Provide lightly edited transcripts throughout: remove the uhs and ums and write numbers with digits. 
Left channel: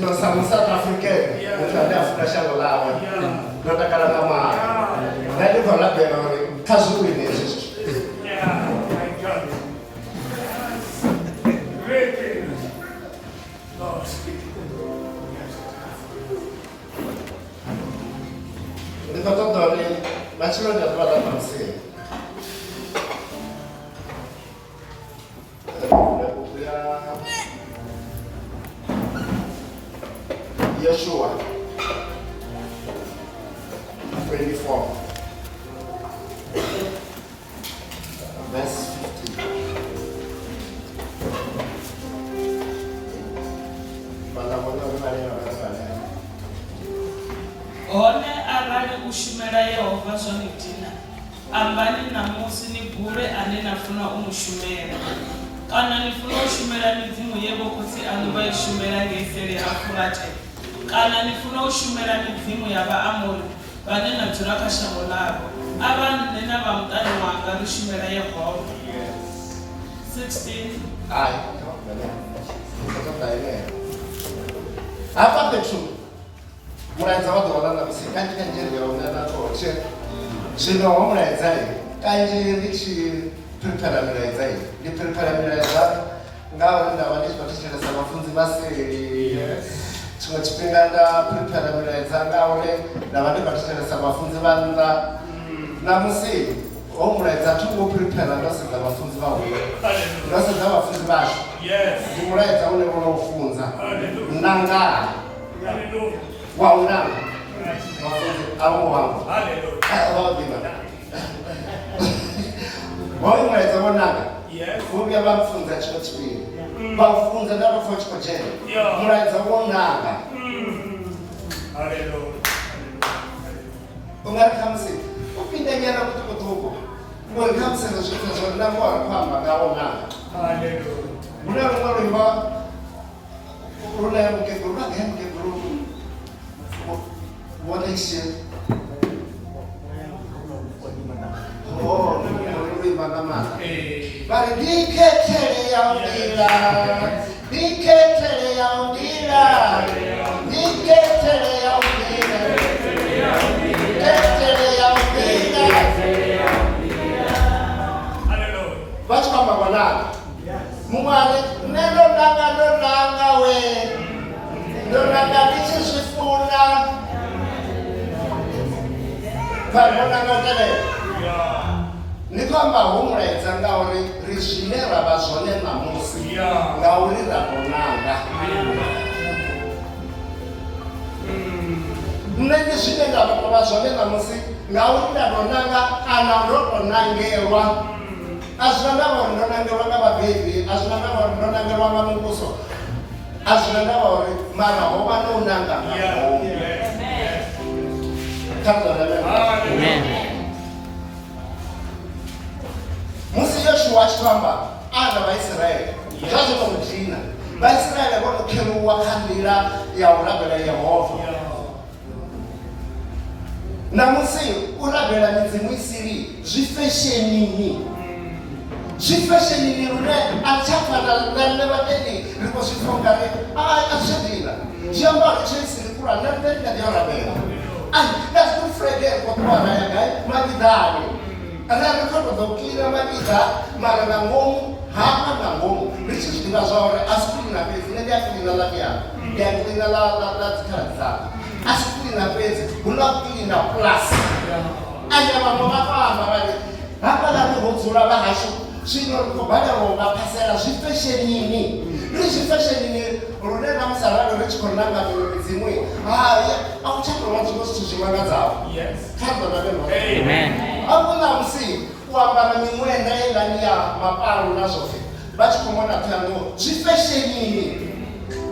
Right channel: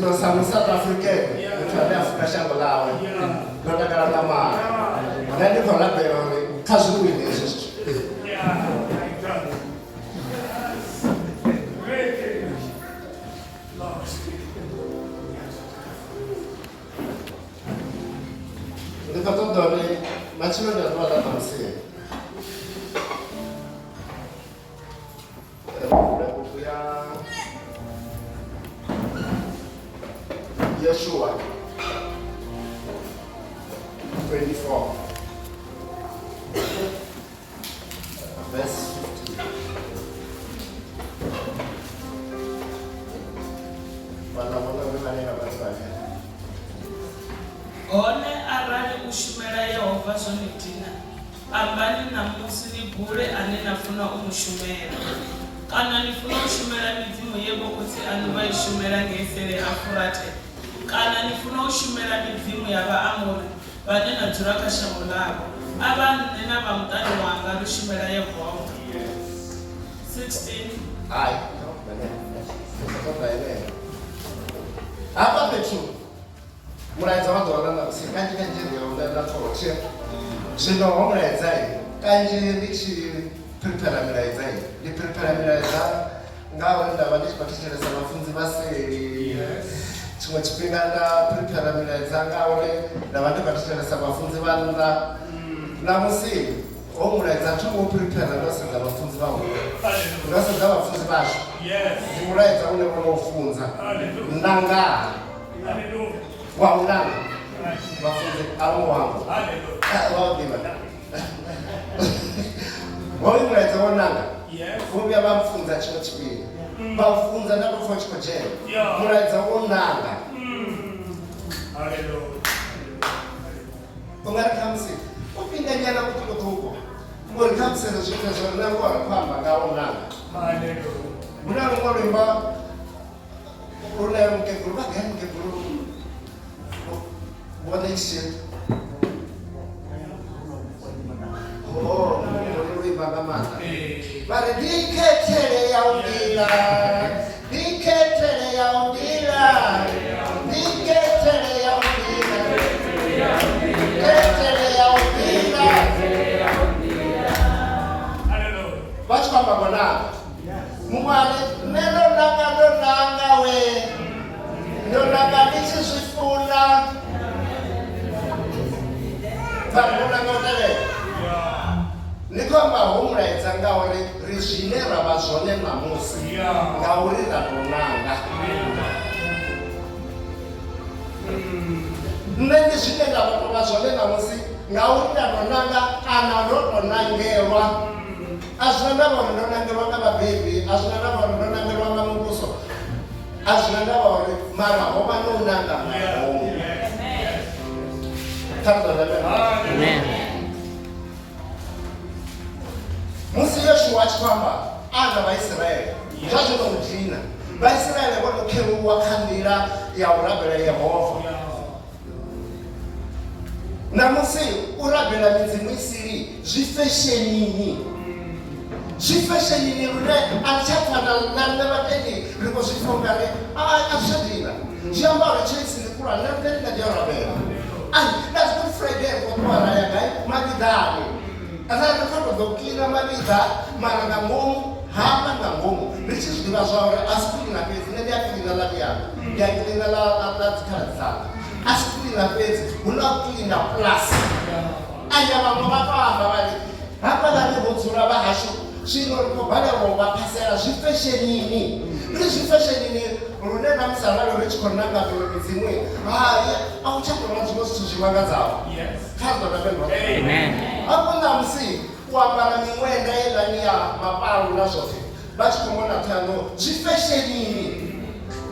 Nós somos South African, Africa Shangolawa, Nota Karatama, then you collect the Kazoo. Madzunya S vala masi. Yeshua 24 verse 50. Hone arali u shumela Yehova zwone dina, ambani namusi ni bule ane nafuna u mushumela. Kana nifuna u shumela midzimu yevho khotsi anu vha i shumela ngei seli ha Furate. Kana nifuna u shumela midzimu ya Vhaamori vhane na dzula kha shango ḽavho. Ava nne na vha muṱani wanga ri shumela Yehova. 16. Hayi, hapa Petro mulaedza wa ḓuvha ḽa ṋamusi kanzhi ndi na thothe zwino ho mulaedza kanzhi ndi tshi prepare milaedza ndi prepare milaedza ngauri ndavha ndi tshi khou thetshelesa vhafunzi vha seli tshiṅwe tshifhinga nda prepare milaedza ngauri ndavha ndi khou thetshelesa vhafunzi vha nnḓa ṋamusi ho mulaedza thi ngo prepare ndo sedza vhafunzi vha huṅwe ndo sedza vhafunzi vhashu ndi mulaedza une vhono u funza Nanga wa unanga mafunzi amu wangu waḓivha hoyu mulaedza wo Nanga vhuya vha mfunza tshiṅwe tshifhinga vha u funza nda tou pfha tshi khou dzhena mulaedza wo Nanga u nga ri khamusi u pinda nyana kuṱukuṱuku uri khamusi hezwo zwithu zwo na ngo khou amba ngawo Nanga huna luṅwe luimba lune mukegulu vha gai mukegulu what they said. Oh, luimba nga maanḓa vhari ndikhethele ya u nḓila ndikhethele ya u nḓila ndikhethele ya u nḓila ndikhethele ya u nḓila vha tshi khou amba nga Nanga muṅwali nṋe ndo nanga we ndo nanga ndi tshi zwi funa vhanona nga u tevhela ndi khou amba ho mulaedza ngauri ri zwine ra vha zwone ṋamusi ngauri ra tou nanga nṋe ndi zwine nda tou vha zwone ṋamusi ngauri nda tou nanga kana ndo tou nangelwa a zwi na ndavha uri ndo nangelwa nga vhabebi a zwi na ndavha uri ndo nangelwa nga muvhuso a zwi na ndavha uri mara ho vha no u nanga nga ngomu. Amen. Musi Yoshua a tshi khou amba ana Vhaisraele zwazwo tou dina Vhaisraele vho no kheluwa kha nḓila ya u rabela Yehova ṋamusi u rabela midzimu i sili zwi feshenini lune a tsha fana na nṋe vhatendi ri khou zwi pfha ungari a zwi dina zwiambaro tsho i sili khulwane na nṋe ndi nga ḓi ya u rabela that's good Friday kwa kwa raya gai madidani ana khona ḓo cleaner madida mara nga ngomu hapa nga ngomu ri tshi zwi ḓivha zwa uri a si cleaner fhedzi nṋe ndi a cleaner la vhuyani ndi a cleaner la dzikhala dzanga a si cleaner fhedzi hu na cleaner plus anya vhaṅwe vha tou amba vhari hafhaḽani ho dzula vha hashu zwino ri khou balelwa u vha phasela zwi feshenini ri zwi feshenini lune na musi arali ri tshi khou nanga dolo midzimu a u tsha tou zwiṅwe zwithu zwi mangadzaho kha ḓo amen hafho ṋamusi u ambara miṅwenda yeilani ya mapalu na zwoṱhe vha tshi khou mona ṱhano zwi feshenini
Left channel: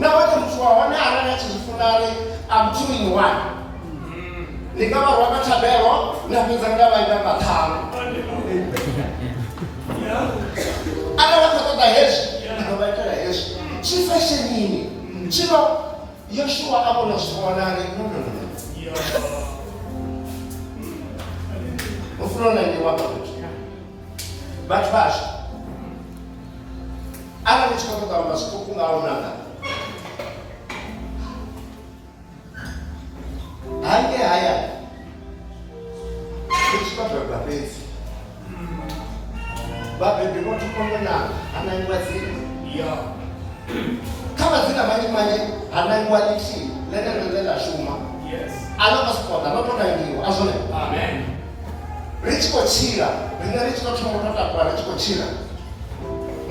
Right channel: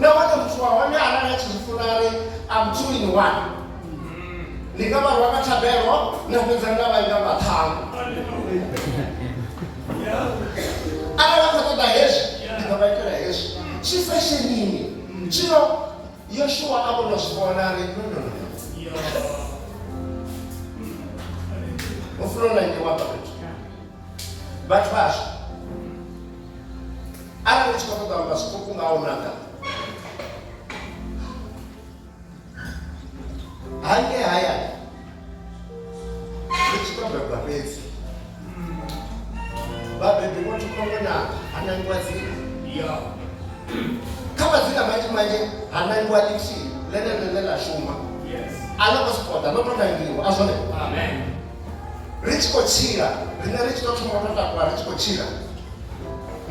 nahone muthu wa hone arali a tshi zwi funa ri am 2 in 1 ndi nga vha rwa nga thabelo na fhedza nga vha ita maṱhanu arali a khou ṱoḓa hezwi ndi ḓo vha itela hezwi zwi feshenini zwino Yoshua a vhona zwi vhona ri ufuna na ndi wapa fhethu vhathu vhashu arali tshi khou ṱoḓa amba zwiṱuku nga u nanga hangei hayani ri tshi tou bebwa fhedzi vhabebi vho thoma ngo nanga hanangiwa dzina kha madzina manzhi manzhi hanangiwa ḽithihi ḽeneḽo ḽe ḽa shuma a ḽo ngo sokou ḓa ḽo tou nangiwa a zwone ri tshi khou tshila rine ri tshi tou thoma u tou takuwa ri tshi khou tshila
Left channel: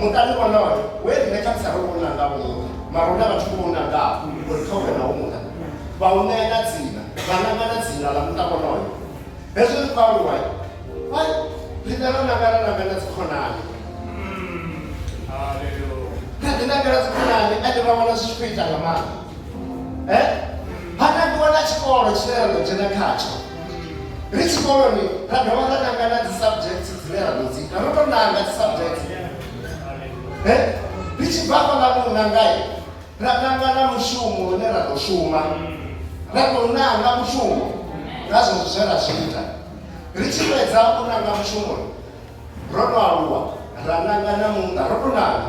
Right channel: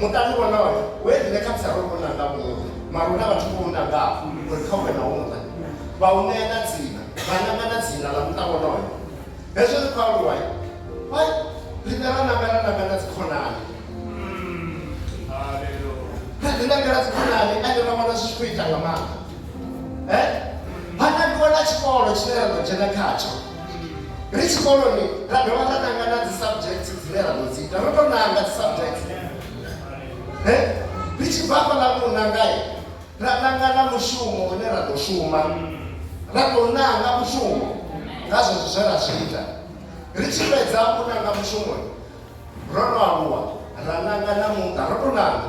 muṱani wonoyo we rine kha musi ro vho nanga muṅwe mara hu na vhathu vho u nangaho uri kha u vhe na u muṱa vha u ṋea na dzina vha nanga na dzina ḽa muṱa wonoyo hezwi ri khou aluwa rine ro nanga na dzikhonani ri nangela dzikhonani ane vha vhona zwi tshi khou ita nga maanḓa ha nangiwa na tshikolo tshine ra ḓo dzhena khatsho ri tshikoloni ra dovha ra nanga na dzi subject dzine ra ḓo dzi ita ro tou nanga dzi subject ri tshi bva fhaḽa u nangai ra nanga na mushumo une ra ḓo shuma ra tou nanga mushumo nga zwezwo zwe ra zwi ita ri tshi fhedza u nanga mushumo ro no aluwa ra nanga na muṱa ro tou nanga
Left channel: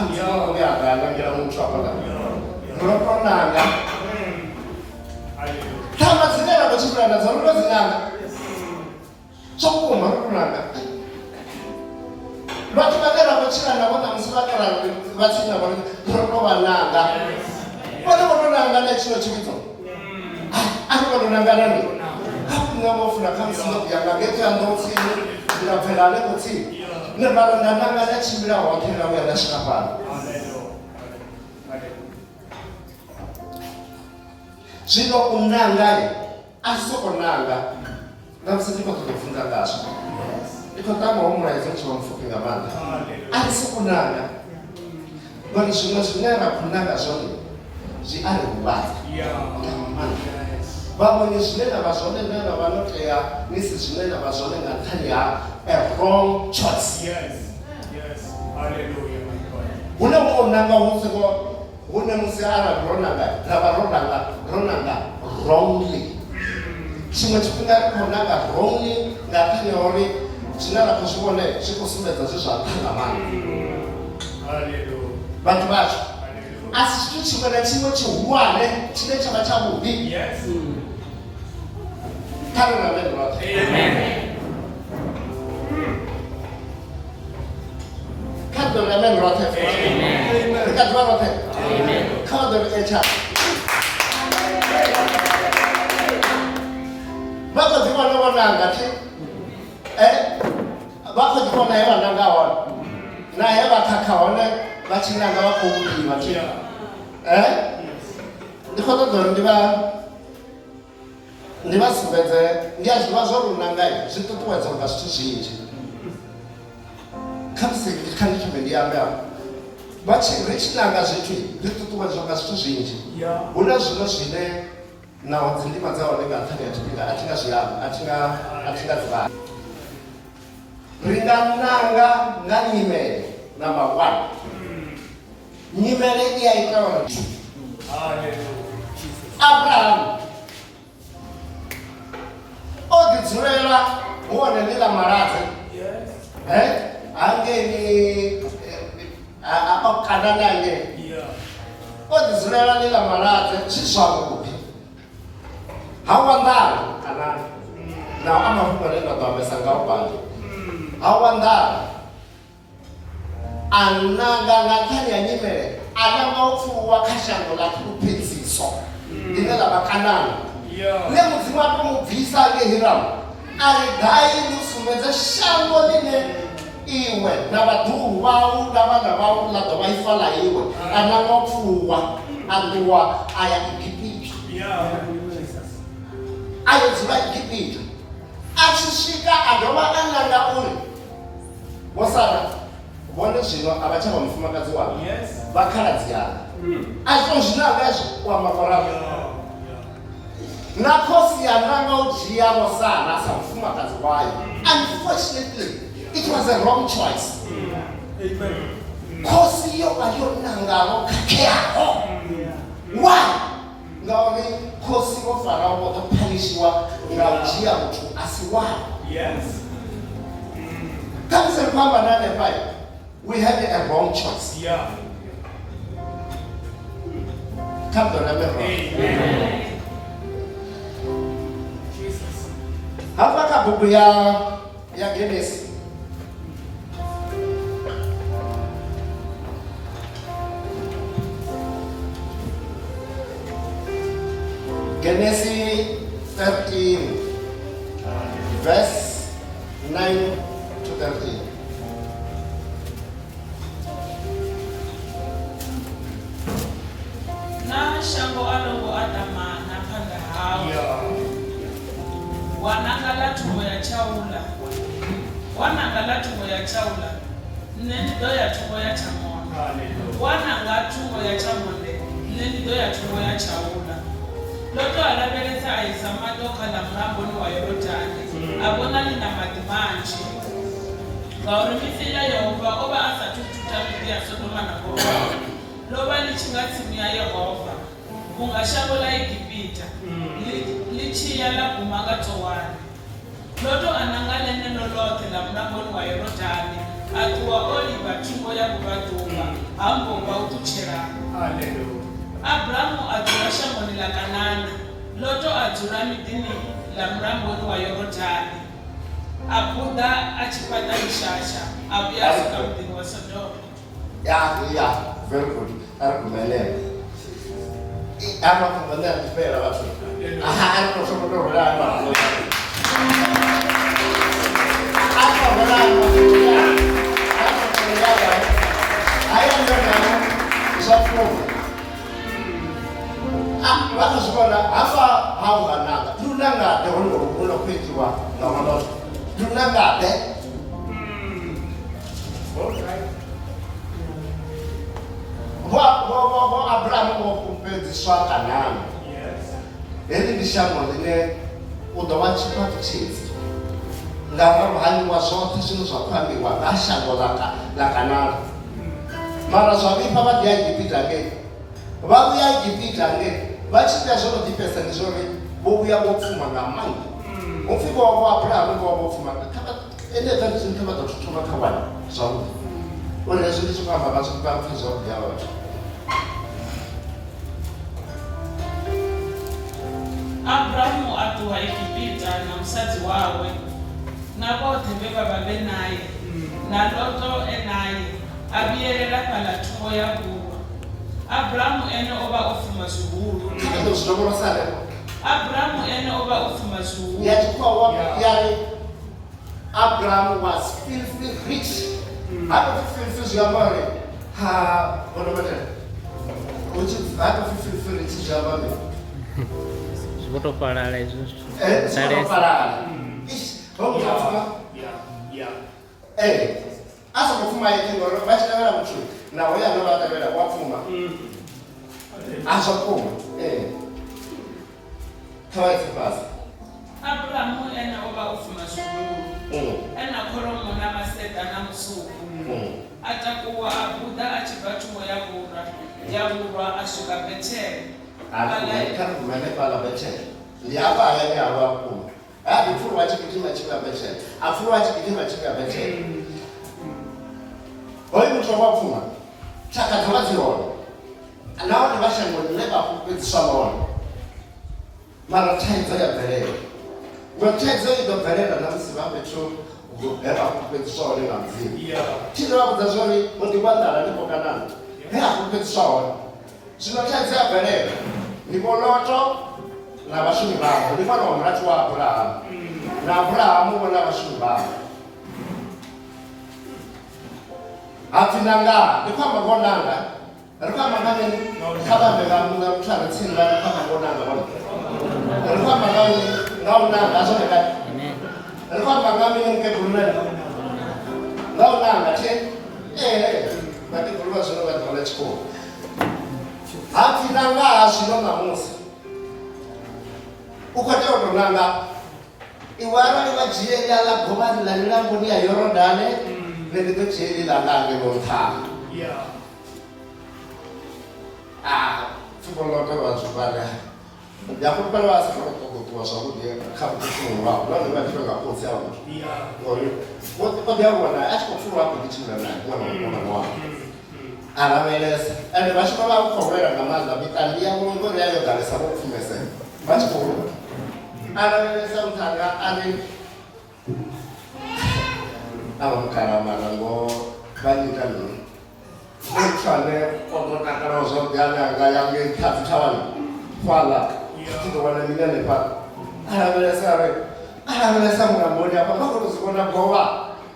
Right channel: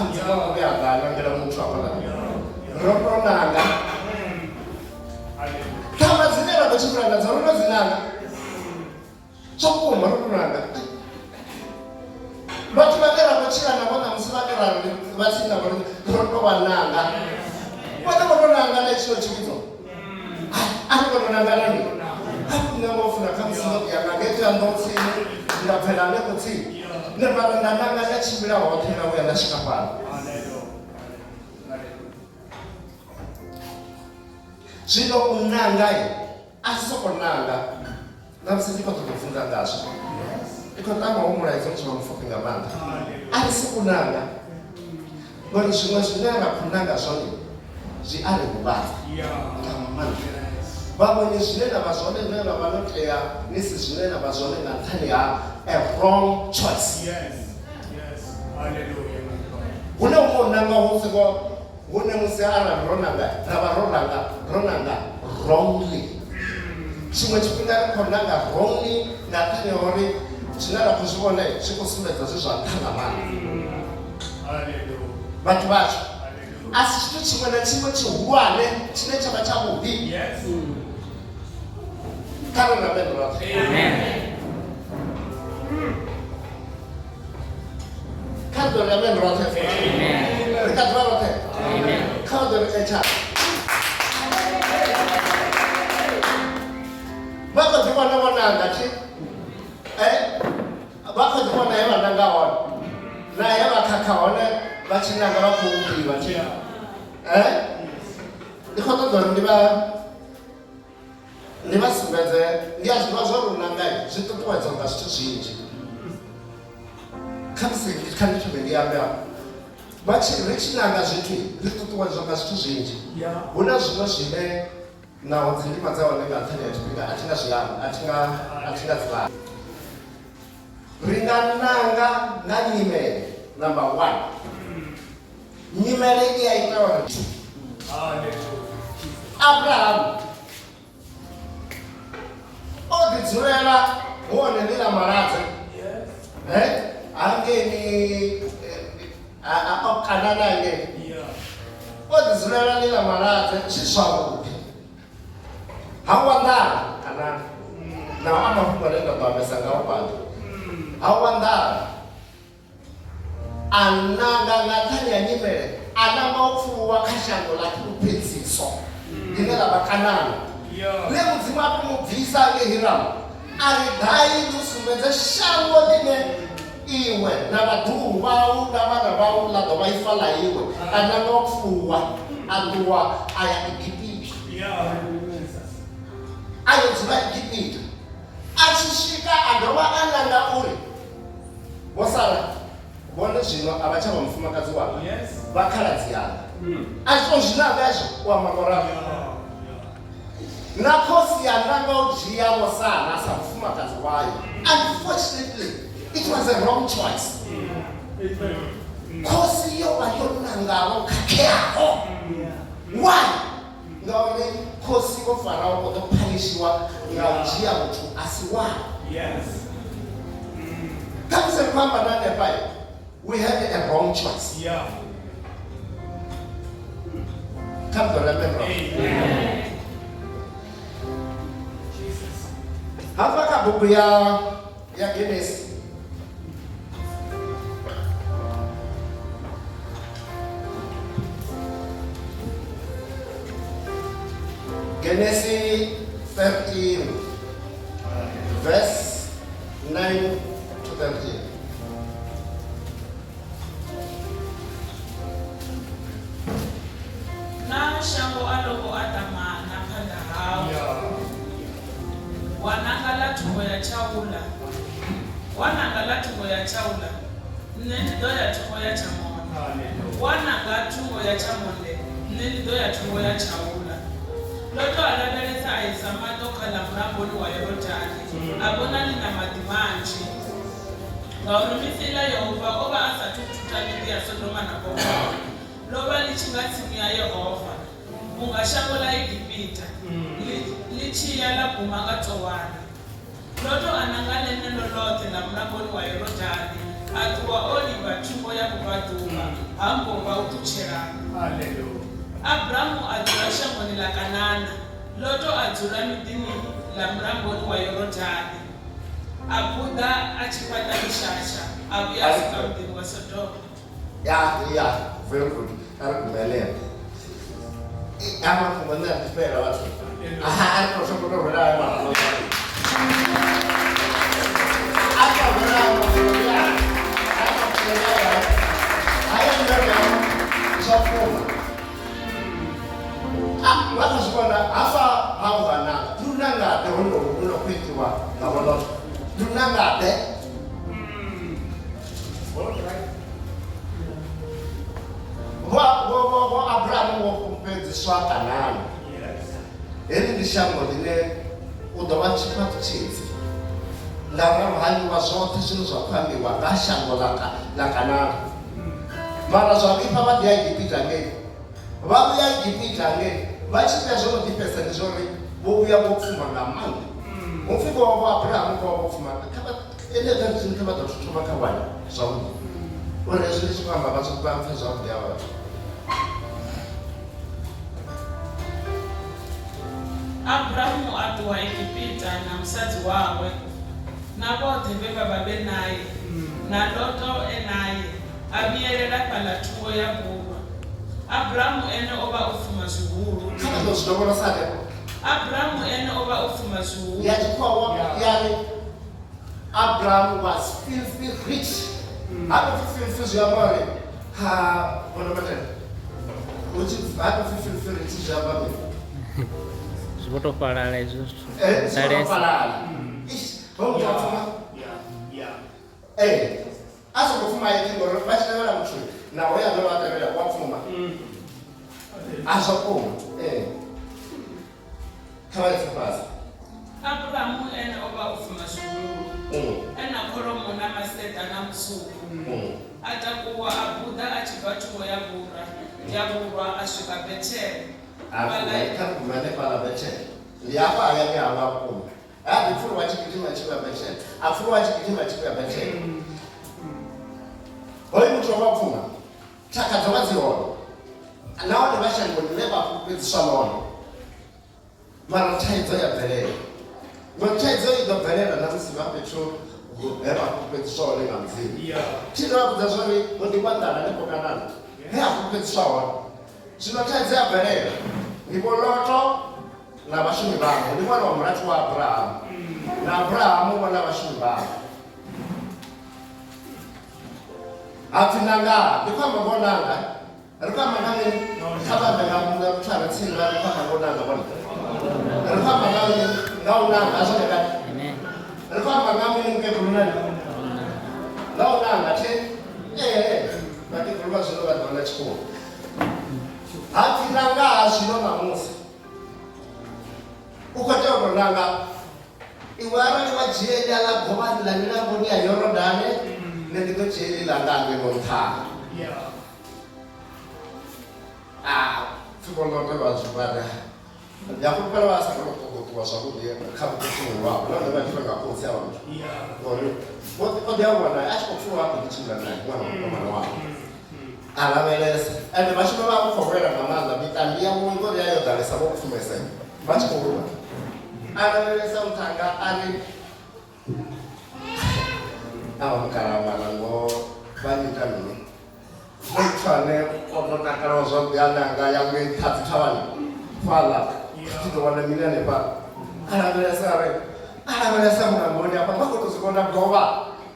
mudzimu uya nga nangela muthu afhaḽa ro tou nanga thama dzine ra ḓo tshimbila nadzo ro tou dzi nanga zwo kuma ro tou nanga vhathu vhane ra khou tshila navho ṋamusi vha tsini navho ro tou vha nanga vhone vho tou nanga na tshino tshividzo a ri vho tou nanga na ndi a ku nne vho funa kha musi ndo ya nga ngeto ya ndo tsini ndi nga bvela hanefho tsini ne vhari nda nanga na tshimbila hoṱhe na vhuya nda swika fhano zwino u nanga a si sokou nanga na musi ndi khou ṱoḓa u funza ngazwo ndi khou tama u mulaedza u tshi vha mupfufhi nga maanḓa a ri sokou nanga ngori zwiṅwe zwine ra khou nanga zwone zwi a ri huvhadza nga maanḓa vhaṅwe zwine na vha zwone zwine na vha no tea ni si zwine na vha zwone nga nṱhani ha a wrong choice hune u nanga hune musi arali ro nanga ra vha ro nanga wrongly tshiṅwe tshifhinga ri khou nanga wrongly nga nṱhani ha uri zwine ra khou zwi vhone zwi khou sumbedza zwi zwa nṱha nga maanḓa vhathu vhashu a si tshithu tshiṅwe na tshiṅwe tshihulwane tshine tsha vha tshavhuḓi kha ri ramene roṱhe kha ri ḓo ramene roṱhe ri kha ḓuvha roṱhe kha ri ḓo ri etsha vha khou ḓi vhona vho nanga thi vha khou ḓi vhona he vha nanga hone na he vha khakha hone vha tshi nanga vha khou ḓivha thi ndi khou ṱoḓa uri ndi vha sumbedze ndi a zwiḓivha zwo ri u nanga zwi ṱuṱuwedza nga zwithu zwinzhi kha musi kha ndi thome ndi amba ri tshi nanga zwithu ri ṱuṱuwedzwa nga zwithu zwinzhi hu na zwino zwine naho dzi ndima dza hone nga nṱhani ha tshifhinga a thi nga zwi amba a thi nga dzi vhala ri nga nanga nga nyimele number 1 nyimele i a ita uri Abraham o ḓi dzulela hone ndi ḽa maladza hangeni o kanana ngei o ḓi dzulela ndi ḽa maladza zwi zwavhuḓi ha wanḓala anani naho a mafhungo ane nda ḓo ambesa nga u fhaḽa ha wanḓala a nanga nga nṱhani ha nyimele a nanga u pfuwa kha shango ḽa phuluphedziso ḽine ḽa vha Kanani ḽe mudzimu a tou mu bvisa ngei Hiramu a ri gai ndi u sumbedza shango ḽine iwe na vhaḓuhulu vhau na vhana vhau ḽa ḓo vha ifa ḽa iwe a nanga u pfuwa a ṱuwa a ya Egipiti a yo dzula Egipiti a tshi swika a dovha a nanga uri vho Sara vhone zwino a vha tsha vha mufumakadzi wavho vha khaladzi yanga a zwo zwinanga hezwo u amba ngauralo na khosi ya nanga u dzhia vho Sara sa mufumakadzi wayo unfortunately it was a wrong choice khosi yo vha yo nangaho khakheaho why ngauri khosi vho Farao vho ḓo phanishiwa nga u dzhia muthu a si wavho kha musi ri khou amba na hanefha right. We had a wrong choice. Yeah. Come to remember. Amen. Jesus. Hapa ka buku ya Genesis. Genesis 13, verse 9 to 13. Na shango alongo adama na panda hao. Wanangala tumbo ya chaula. Wanangala tumbo ya chaula. Nendido ya tumbo ya chamonde. Wananga tumbo ya chamonde. Nendido ya tumbo ya chaula. Loto alabeleza aizamato kala mramboni wa Yorodani. Abona nina madimanji. Ngaurimithila Yehova oba asa tututamilia Sodoma na Gomora. Loba lichingatsimu ya Yehova. Ungashabola Igipita. Lichiya la kumanga towani. Loto anangale neno lote la mramboni wa Yorodani. Atuwa oliva tumbo ya kubaduma. Ambo wa utuchera. Hallelujah. Abrahamu ajura shamboni la Kanana. Loto ajura midini la mramboni wa Yorodani. Abuda achipata mishasha. Abiyasuka mdini wa Sodoma. Yeah, very good. Argumele. Ama kumana kupera watu. Aha, kwa sababu ndo wala ama. Apa wala ama. Apa wala ama. Haya ndio sababu. Watu sikuona hapa hawa Nanga. Nanga ndio ndio kuitwa tawana. Nanga de. Wa Abrahamu wa kumpeziswa Kanani. Yes. Eli ndishambo line udowachipa chizi. Ngaro hani wa zote zino za kwambi wa gashambo la Kanani. Mara zwabipa wadi ya Igipita nge. Wadi ya Igipita nge. Wachipia zono dipesa nizori. Bobu ya wofuma na mangi. Mufiko wa Abrahamu wa wofuma. Kama ele tanzini kama tutuma kawani. Zono. Wale zili tukamba bazo kwa mfizo ya watu. Abrahamu atuwa Igipita na msazi wawe. Na bote beba babe naye. Na Loto enaye. Abiyelela pala tumbo ya buwa. Abrahamu ene oba ufuma zuhuru. Kama ndo sinogoro sana. Abrahamu ene oba ufuma zuhuru. Yachukua wapi yani Abraham was filthy rich. Hapo filthy yamare. Ha, wana mata. Uchi hapo filthy rich yamare. Sebuto parala isso. Sebuto parala. Vamos lá. Yeah. Asa kufuma yake ngoro basi na wala mtu. Na wewe ndio atabela kwa kufuma. Asa kufuma. Kawaida basi. Abrahamu ene oba ufuma zuhuru. Ena koromo na maseta na msuku. Atakuwa abuda achibatu ya bura. Ya bura ashuka Beteli. Alaika kumene pala Beteli. Liapa yeye awapo. Bifuru wachikitima chiba Beteli. Afuru wachikitima chiba Beteli. Hoyi mtu wapuma. Chaka tomazi wono. Nao ni bashango leba kupizisha mono. Mara taiza ya Beteli. Wetaiza ya Beteli na msimame cho leba kupizisha wono nga mzima. Chino wapo zazwani mundi wandala nipo Kanani. Hea kupizisha wono. Sinotaiza ya Beteli. Nipo Loto na bashumi babo. Nipo na umratu wa Abraham. Na Abraham wana bashumi babo. Ati Nanga, ndikwa magonanga. Ndikwa magani kaba mbega munga mchana tsinga ndikwa magonanga bwana. Ndikwa magani ngao nanga azone kati. Amen. Ndikwa magani nge kunani. Ngao nanga che. Bati kulwa zino batwala chiko. Ati Nanga azino na Musa. Ukateo Nanga. Iwara ni wajiela la gomani la nilango ya Yorodani. Nendiko cheli la ngange lonta. Yeah. Fugolote wa zubada. Ndiyakupela basakolotokotuwa zwavhuḓi kha vhuṱuṱulo lwavho nahone vha ḓivha nga khotsi avho ngori o ḓi avhona a tshi khou pfula a khou ḓi tshimbila nae ṅwana mukomana wawe a lavhelesa ende vha tshi vha vha khou lwela nga maanḓa mitambi yavho ngori ya yo ḓalesa vho pfumesela vha tshi khou lwa a lavhelesa nthanga a ri ava mukalamala ngo vha nyita mini muthu ane o ḓo takalaho zwavhuḓi ane anga yange ṱhadzi thavhani fhaḽa u ḓo wana mini hanefhaḽa a lavhelesa mulamboni hafha vha khou tou zwi vhona govha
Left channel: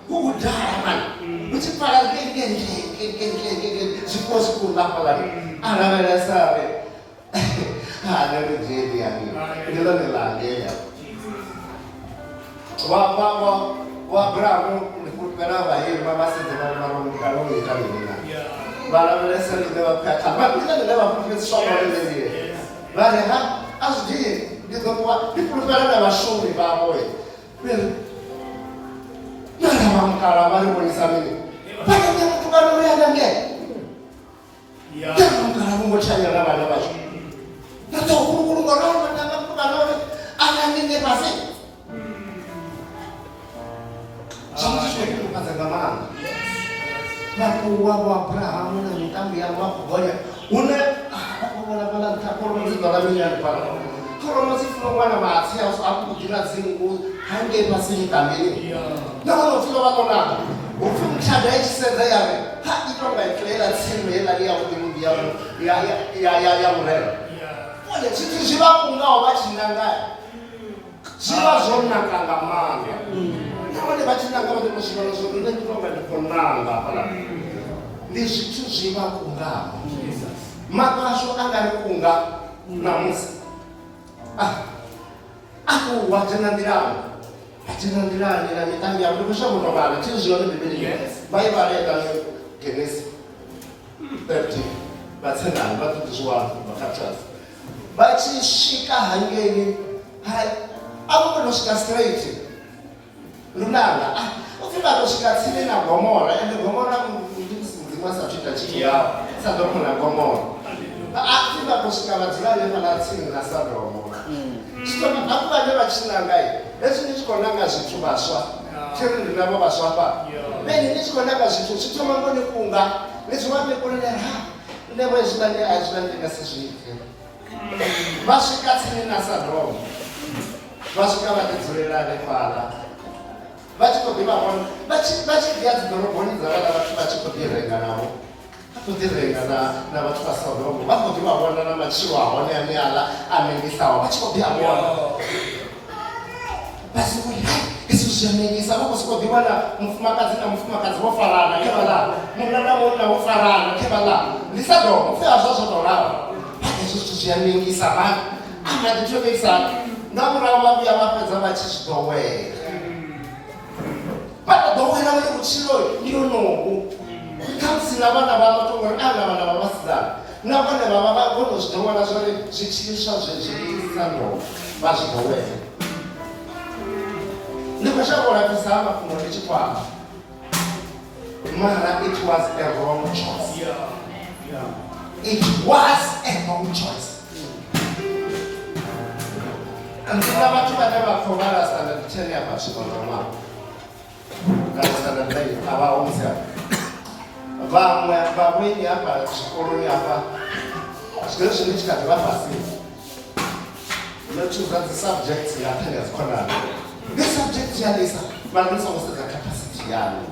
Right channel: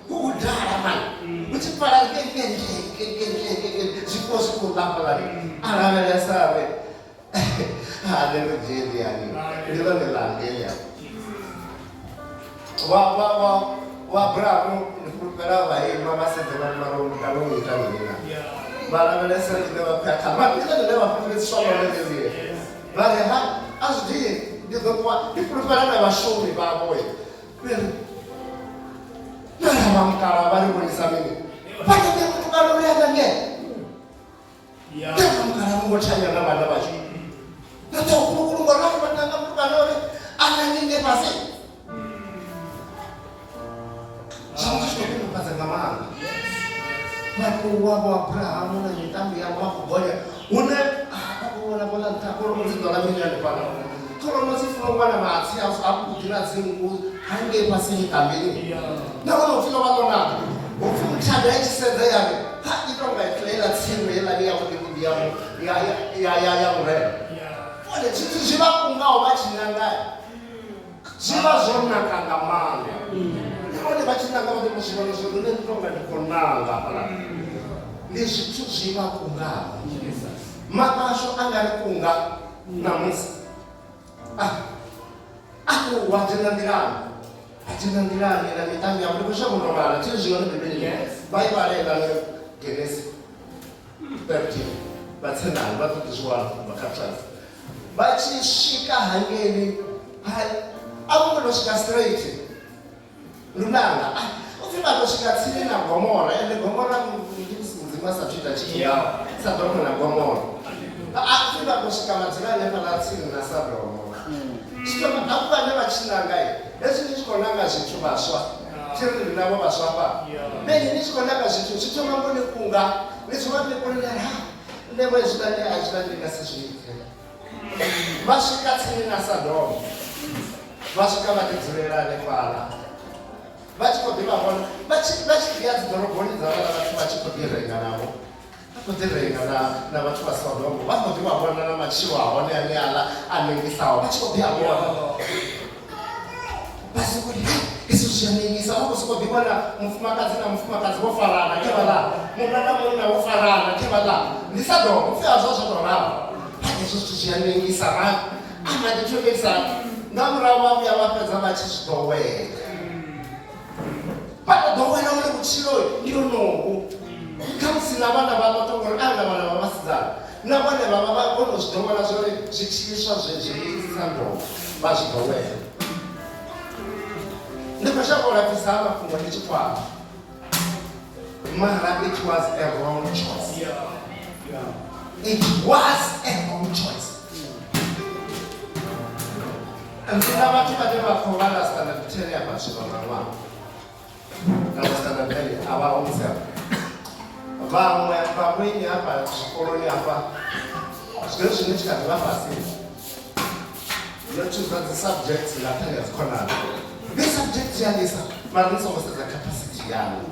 hu khou dala mani hu tshi pfala zwifuwo zwi khou ḽa hafhaḽani a lavhelesa ri ane ri dzheni yani ndi ḽone ḽangeya wa bravo ndi fulufhela vhaima vha sedze vhamaro ita mini na vha lavhelesa rine vha khakha vha ndi ḽone ḽe vha fhufhesiswa ṅwalelelile vha ri ha a zwi dii ndi ḓo ṱuwa ndi fulufhela na vhashumi vhavhoe nala vha mukala vha ri vhonisa mini vhaṋe mutukano uri anange nala mukala vho ngo thanya na vhana vhashu na ḓo kulukuluga na vhatanga mutukano uri anange fhasi zwavho zwi khou kufhadza nga maanḓa vhathu wavho Abrahamu na mitambi yavho vha khou gonya hune vha khou vhona fhaḽa nṱha kholomo dzi ḓola mini hanefhaḽa kholomo dzi funa u wana matsi avhuḓi na dzingu hangei fhasi mitambini na vhona upfhi vha ḓo naka upfhi muthada i tshi sedza yave ha i tou nga itoela tsimu heiḽani yavhuḓi vhuḓi ya murena one zwithu zwi vha kungaho vha tshi nangayo zwi vha zwo naka nga maanḓa nahone vha tshi nanga vha ḓo tou zwi vhona zwo nṋe ndi tou nga ndi khou nanga hafhaḽa ndi zwithu zwi vha kungaho makasho a nga ri kunga namusi a khou wa dzhena nḓilani na miṱangi yavho ndi khou zwa vhuno vhala tshi zwi yone bibelini vha i vhalela no Genesis 13 vha tsenani vha ḓo ḓi zwi wana vha khathasi vha tshi swika hangeni a vho ngo tou swika straight lunanga upfhi vha tou swika tsini na Gomora ende Gomora mudzimu a sathu ita tshithu yawo sa ḓo khona Gomora upfhi vha tou swika vha dzula hanefhaḽa tsini na Sodomo zwitoma hafhu vhane vha tshi nangai hezwi ni tshi khou nanga zwithu vhaswa thiri ndi navho vhaswa fha meni ni tshi khou nanga zwithu zwi thoma ngo ni kunga ni zwi vha ni konelera nṋe vho hezwiḽani a hezwiḽani ndi nga si zwi ite vha swika tsini na Sodomo vha swika vha ḓi dzulela hanefhaḽa vha tshi khou ḓivha vhona vha tshi ḓi ya dzi ḓoroboni dza vhaḽa vhathu vha tshi khou ḓi renga navho vha khou ḓi renga na vhathu vha Sodomo vha khou ḓivha vhona na matshilo a hone ane aḽa a nengisaho vha tshi khou ḓi a vhona vha si vhoni hezwi zwi a nengisa vha khou sokou ḓi wana mufumakadzi na mufumakadzi vho farana khe vhaḽa munna na munna vho farana khe vhaḽa ndi Sodomo upfhi a zwo tou ralo hezwi zwithu zwi a nengisa vhana a nga ḓi thomisa nga murahu vha vhuya vha fhedza vha tshi zwi ḓowela vha tou ḓowela uri vhutshilo ndi honohu khamusi na vhana vha vha tou ngori a na vhana vha vhasidzana na vhane vha vha vha kona u zwi ḓowela zwori zwitshiliswa zwezwi Sodomo vha zwi ḓowela ndi khou shavha u lapfhisa ha mafhungo ndi tshi kwama mara it was a wrong choice it was a wrong choice ndina vhathu vhane vha khou vhala standard 10 ya vhathu vha ṅwaha kana standard 9 a vha musi vhaṅwe vhaṅweni hafha zwikoloni hafha zwine zwine tshi kha ḓi vha fhasi no choose the subjects nga nṱhani ha dzikhonani ndi subject ya lisa mara ni songo sedza capacity yayo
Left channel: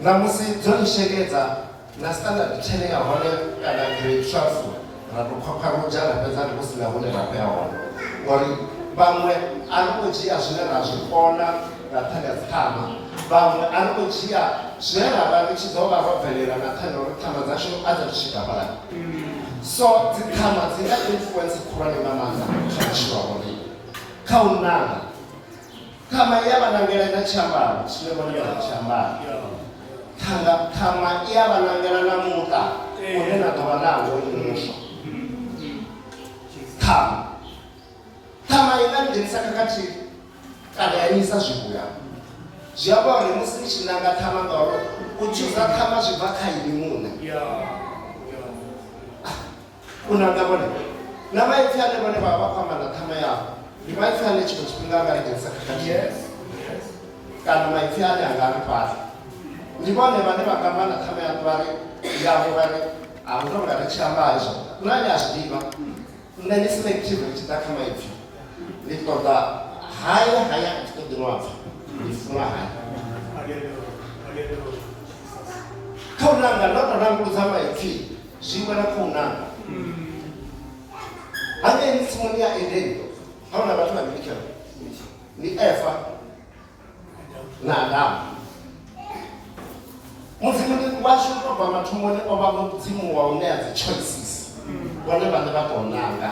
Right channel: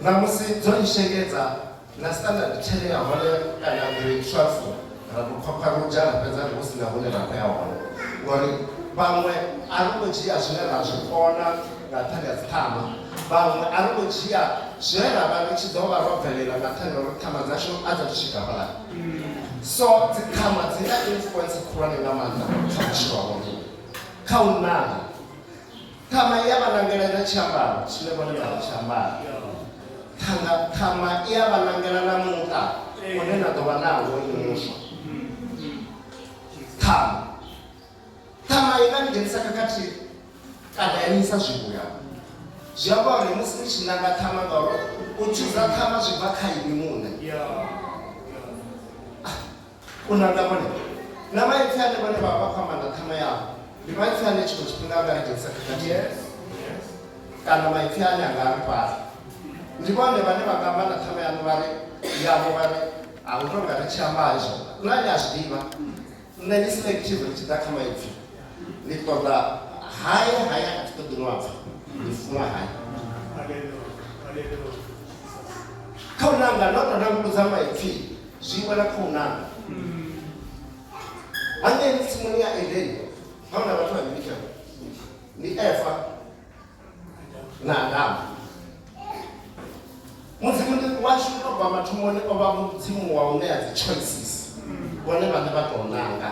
na musi dzo ni shekedza na standard 10 ya hone kana grade 12 ra tou khwakhwarudzha ra fhedza ri hu si na hune ra khou ya hone ngori vhaṅwe a ri khou dzhia zwine ra zwi kona nga nṱhani ha dziṱhama vhaṅwe a ri khou dzhia zwine ra vha ri tshi ḓo vha ro bvelela nga nṱhani ha uri ṱhama dzashu a dza thu swika fhalani so dziṱhama dzi na influence khulwane nga maanḓa kha vhutshilo ha vhone kha u nanga ṱhama i ya vha nangela na tshiambaro zwine vhone vha tshiambara ṱhama i ya vha nangela na muṱa une na ḓo vha nawo ni muswa ṱhama i nga ni dzhenisa khakhathi kana ya nisa zwivhuya zwi amba uri musi ni tshi nanga ṱhama ngauri u tshuza ṱhama zwi bva kha ini muṋe unanga vhone na maipfi ane vhone vha vha khou amba na ṱhama yavho ndi maipfi ane tshiṅwe tshifhinga anga ri dzhenisa khakhathi kana maipfi ane anga ri fhaṱa ndi vhone vhane vha nga amba na ṱhama yavho vha ri a hu tou nga ri tshi amba hezwo nani a zwi ḓivha nṋe ndi selective ri tshi ḓa kha maipfi ndi ṱoḓa haya a thi ṱoḓi no apfa ndi funa haya kha u nanga ndo tou nanguludza maipfi zwiṅwe na kha u nanga hangei tsimuni ya Edeni hauna vhathu vhavhili kha ndi Eva na Adamu mudzimu washu tou bva mathomoni o vha mudzimu wa u ṋea dzi choices vhone vhane vha tou nanga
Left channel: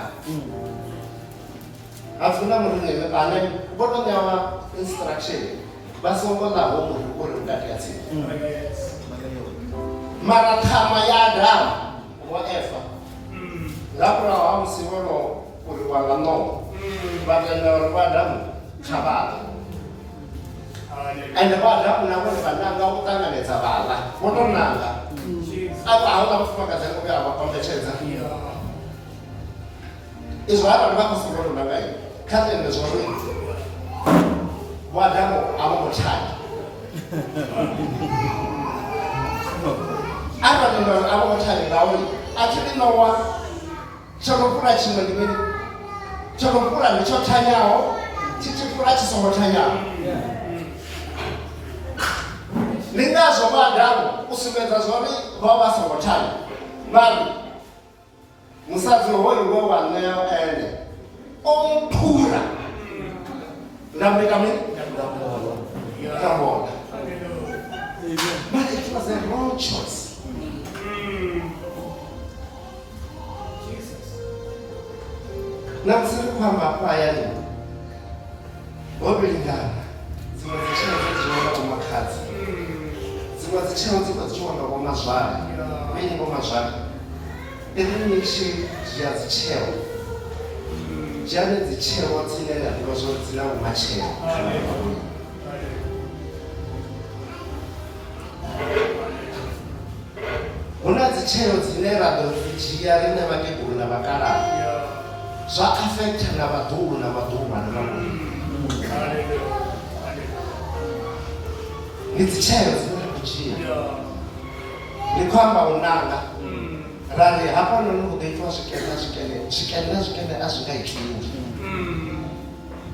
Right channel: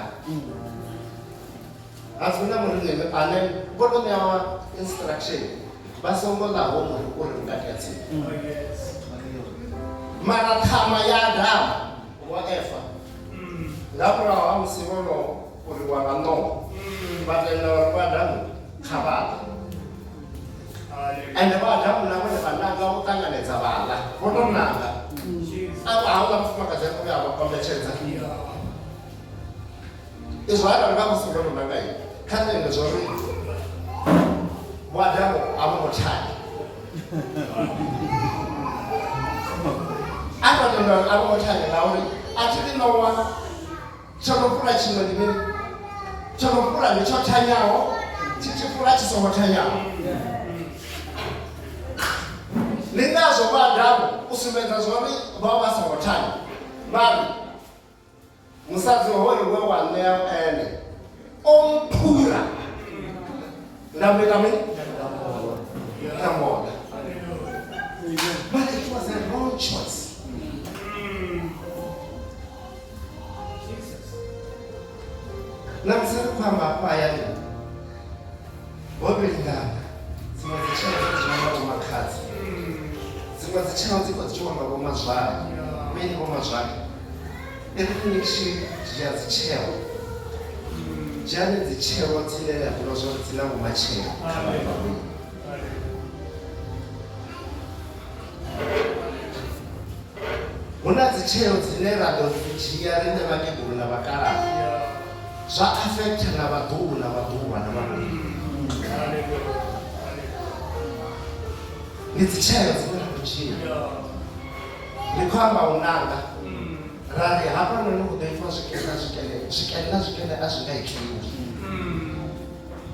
hafuna muringeme ane vho tou ṋewa instruction vha songo ḽaho muri uri vhukati ha tsini mara ṱhama ya Adamu wa Eva nga murahu ha musi vhono uri wa vha no vha tenda uri vha Adamu kha vha ḽe ende vha Adamu na vhone vha nanga u ṱanganedza vhaḽa vho tou nanga avha hauḽa mufumakadzi a vhuya a vha kombetshedza izwo arali vha khou songo tou nanga kha nṋe zwo ri vho Adamu a vho ngo thanya ava tenda uri a vho ngo thanya ngauri a thi ḓi nowa tsho no fula tshiṅwe ndi mini tsho no fula ndi tsho thanyaho tshi tshi fula tshi songo thanyaho ndi ngazwo vha Adamu u sumbedza zwori vha vha songo thanya vhari musadzi hoyo we wa ṋea ene o mphura nda muita mini nda mona but it was a wrong choice na musi ri khou amba hafha hayani ho vhilingana dziṅwe dzi tsheo dzi tshi wanga vho makhadzi dziṅwe dzi tsheo dzi khou dzi tshi wanga vho mazwale mini vho mazwale iri ni tshi dzhia dzi tsheo dzhiani dzi tsheo dzine na ḓivha zwori dzi na vhumatshelo hu na dzi tsheo dzine ra ḓo dzi dzhia riṋe vhakegulu na vhakalaha zwa affecta na vhaḓuhulu na vhaḓuhulu na vhaḓuhulu ndi dzi tsheo dzine ra khou dzhia ndi khou amba u nanga ra ri hafhanoni hu ḓo itiwa zwikene a zwi nga itiwi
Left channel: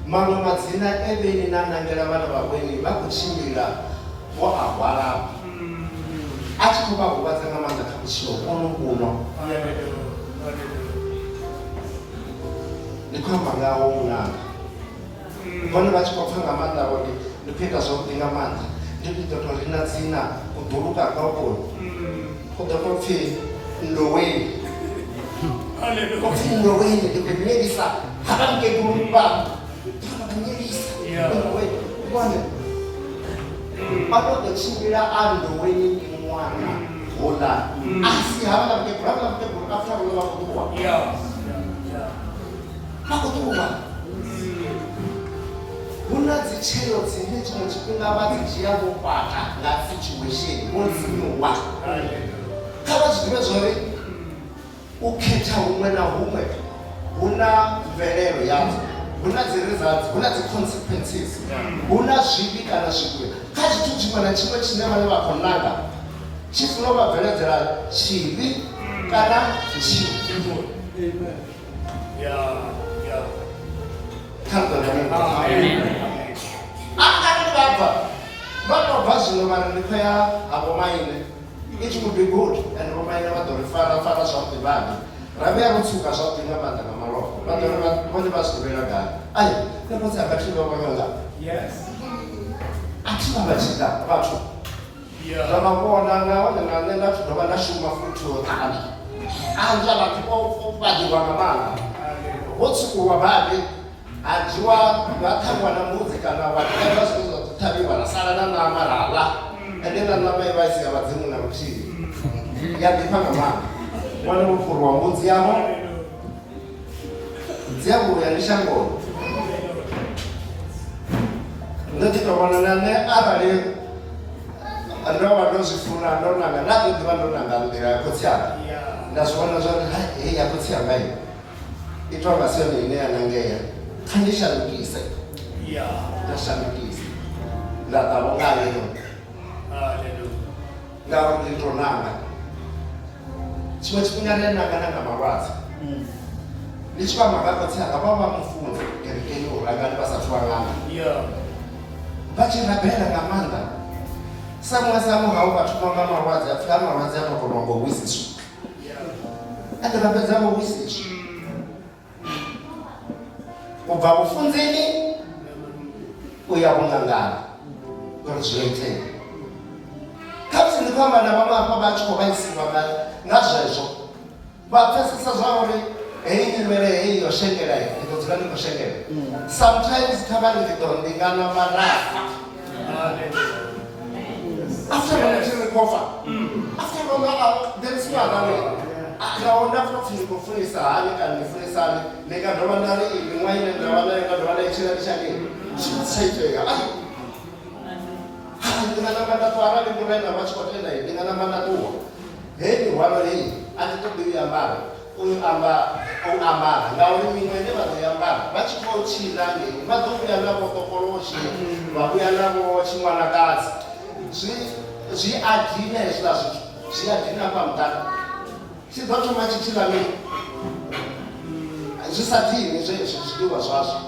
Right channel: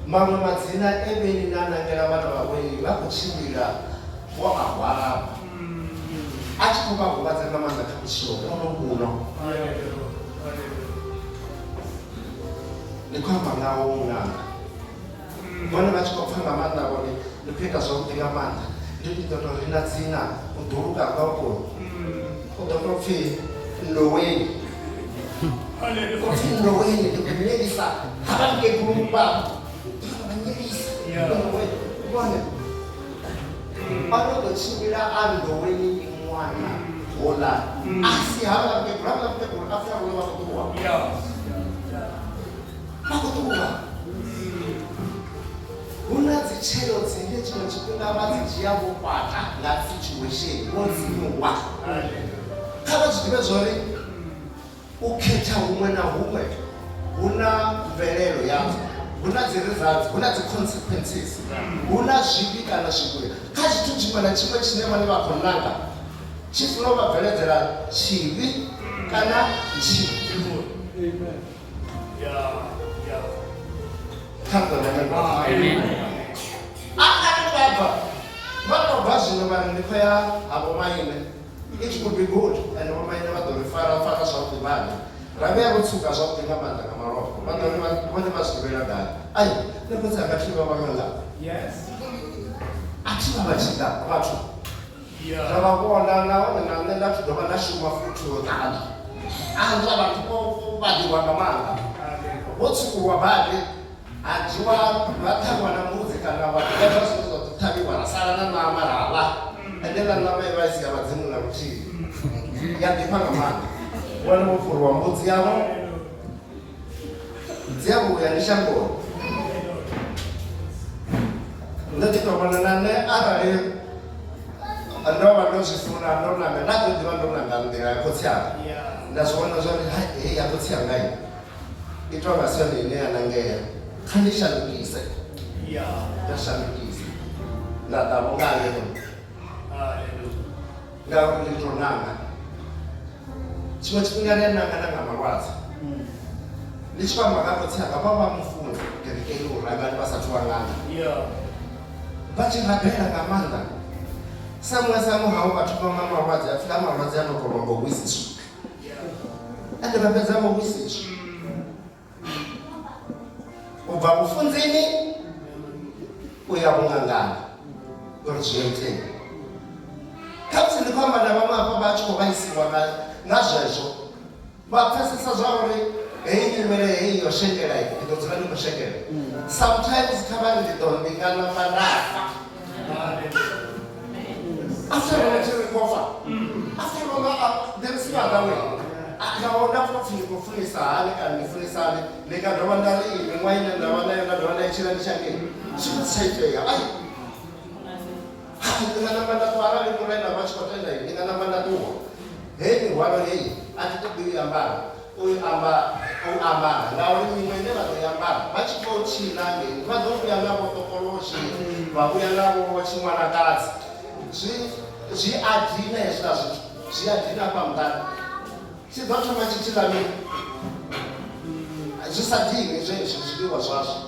maṅwe madzina evheni na nangela vhana vhaweni vha khou tshimbila vho a hwalafha a tshi khou vha huvhadza nga maanḓa kha vhutshilo ono kuno ndi khou amba ngawo u nanga vhone vha tshi khou pfha nga maanḓa vhone ndi khou ita zwavhuḓi nga maanḓa ndi ḓo tou ri na dzina u ḓuluka kwakwo u ḓo tou pfhi Ndoweni u pfhi Ndoweni ndi khou nyelisa hava mukegulu vhavho vha nyelisa Ndoweni vhone a vho ḓo tshimbila a Ndoweni ndi ṅwana hoḽa a si havha mukegulu havha mukegulu a pfha vhone vha khou ṱuwa vha khou ṱuwa hu na dzi tsheo dzine tshiṅwe tshifhinga vha dzi dzhia vho kwata nga situation vho dzinwa kha vha zwi ḓivhe zwori u khetha huṅwe na huṅwe hu na mvelelo yadzo hu na dzi results hu na dzi consequences hu na zwivhi kana zwivhuya kha tshithu tshiṅwe na tshiṅwe tshine vhane vha khou nanga tshi funa u vha bveledzela tshivhi kana tshivhi vha zwino vhari ndi khou ya havho maine it would be good and vho maine vha ḓo ri fara zwavhuḓi vhane ra vhuya vho tsuka zwavhuḓi nga maanḓa nga malofha vha ḓo ri vhone vha zwi ḓivhela gai ai nṋe mbudzi anga thi vha vhanganga a thi vha vha tshi ḓa vhathu zwa vha vhona nahone na nṋe nda thi dovha nda shuma futhi u ṱanzwa anzwa vhathu vha ḓivha nga maanḓa vho tsukuwa badi a dzhiwa vha ṱhavhiwa na mbudzi kana whatever zwine zwa ṱhavhiwa ra sala na ṋama ra ḽa ende na ṋama i vha i si ya vhadzimu na luthihi ya ḓifha nga maanḓa wane wo furiwa mbudzi yavho dzi a vhuya ndi shangoni ndo ḓi tou vhona na nṋe arali ndo vha ndo zwi funa ndo nanga nda ḓo ḓivha ndo nanga nḓila ya khotsi anga ndazviona zvati hei yakutsi yangai itonga sendo ine yanangeya khandishandukise ndashandukise ndadavonga lero ngauri nditonanga chimwe chifhinga nenanga marwadzi ndichifamba kakotsi akapamba mufunzo kerekeni urangani vasati wang'anga vachirabhera ngamanda samwe samuhau vatopamba marwadzi afika marwadzi anotonombowisiswa ande vapedza mowisiswa kubva kufunzini uya kung'angana uri zvoitei kapsi ndifamba navamwe apa vatyo vaisiwa nazvezvo vapfesesa zvauri hei nyimele hei yoshengera inodzira ndingoshengera sometimes tavari ndidondingana vanafa after vanachirikofa after there is no other way ndaona kuti ndinofunisa hane kana ndifunisa hane ndikandova ndari ini mwaine ndavanayo ndandova ichira ndichangeni chisaiteka ndinganamba ndatwara ndingiraina vachikotenda iyi ndinganamba ndatuwa hei hwaro hei anditobiyambara uyu ambara ngauri mimwe ine vanoyambara vachikochina ngeni vazobuya navo tokolochi vabuya navo chimwanakadzi zviadhina izvina zvito zviadhina pamutana chidzotoma chichilamini zvisadini zvezvo zvidiwa zvazvo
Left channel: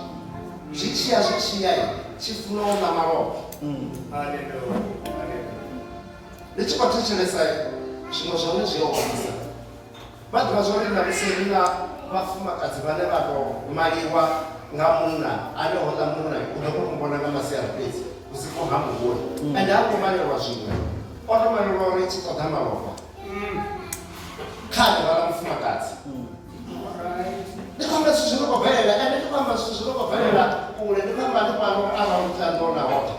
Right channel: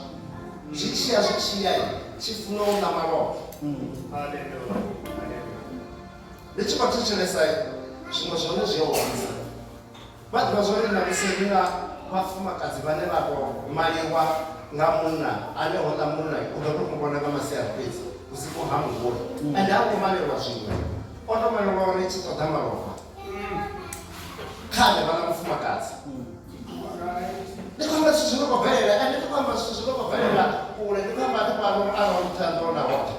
zvichiya chifunoona maroko ndichikoticheresai zvimwe zvone zviyohomisa vanhu vazorinda muserina vafumakadzi vane vakomaliwa ngamunna anoona munna unokukumbona ngamasiyana pedzi usiku hamuguri ende angomalirwa zvimwe onomalirwa uri chitoda maropa kane vana mufumakadzi ndikwamba zvi zvinokobverera ende ndikwamba zvi zvinokobverera kure ndikwamba ndipano arautandona hota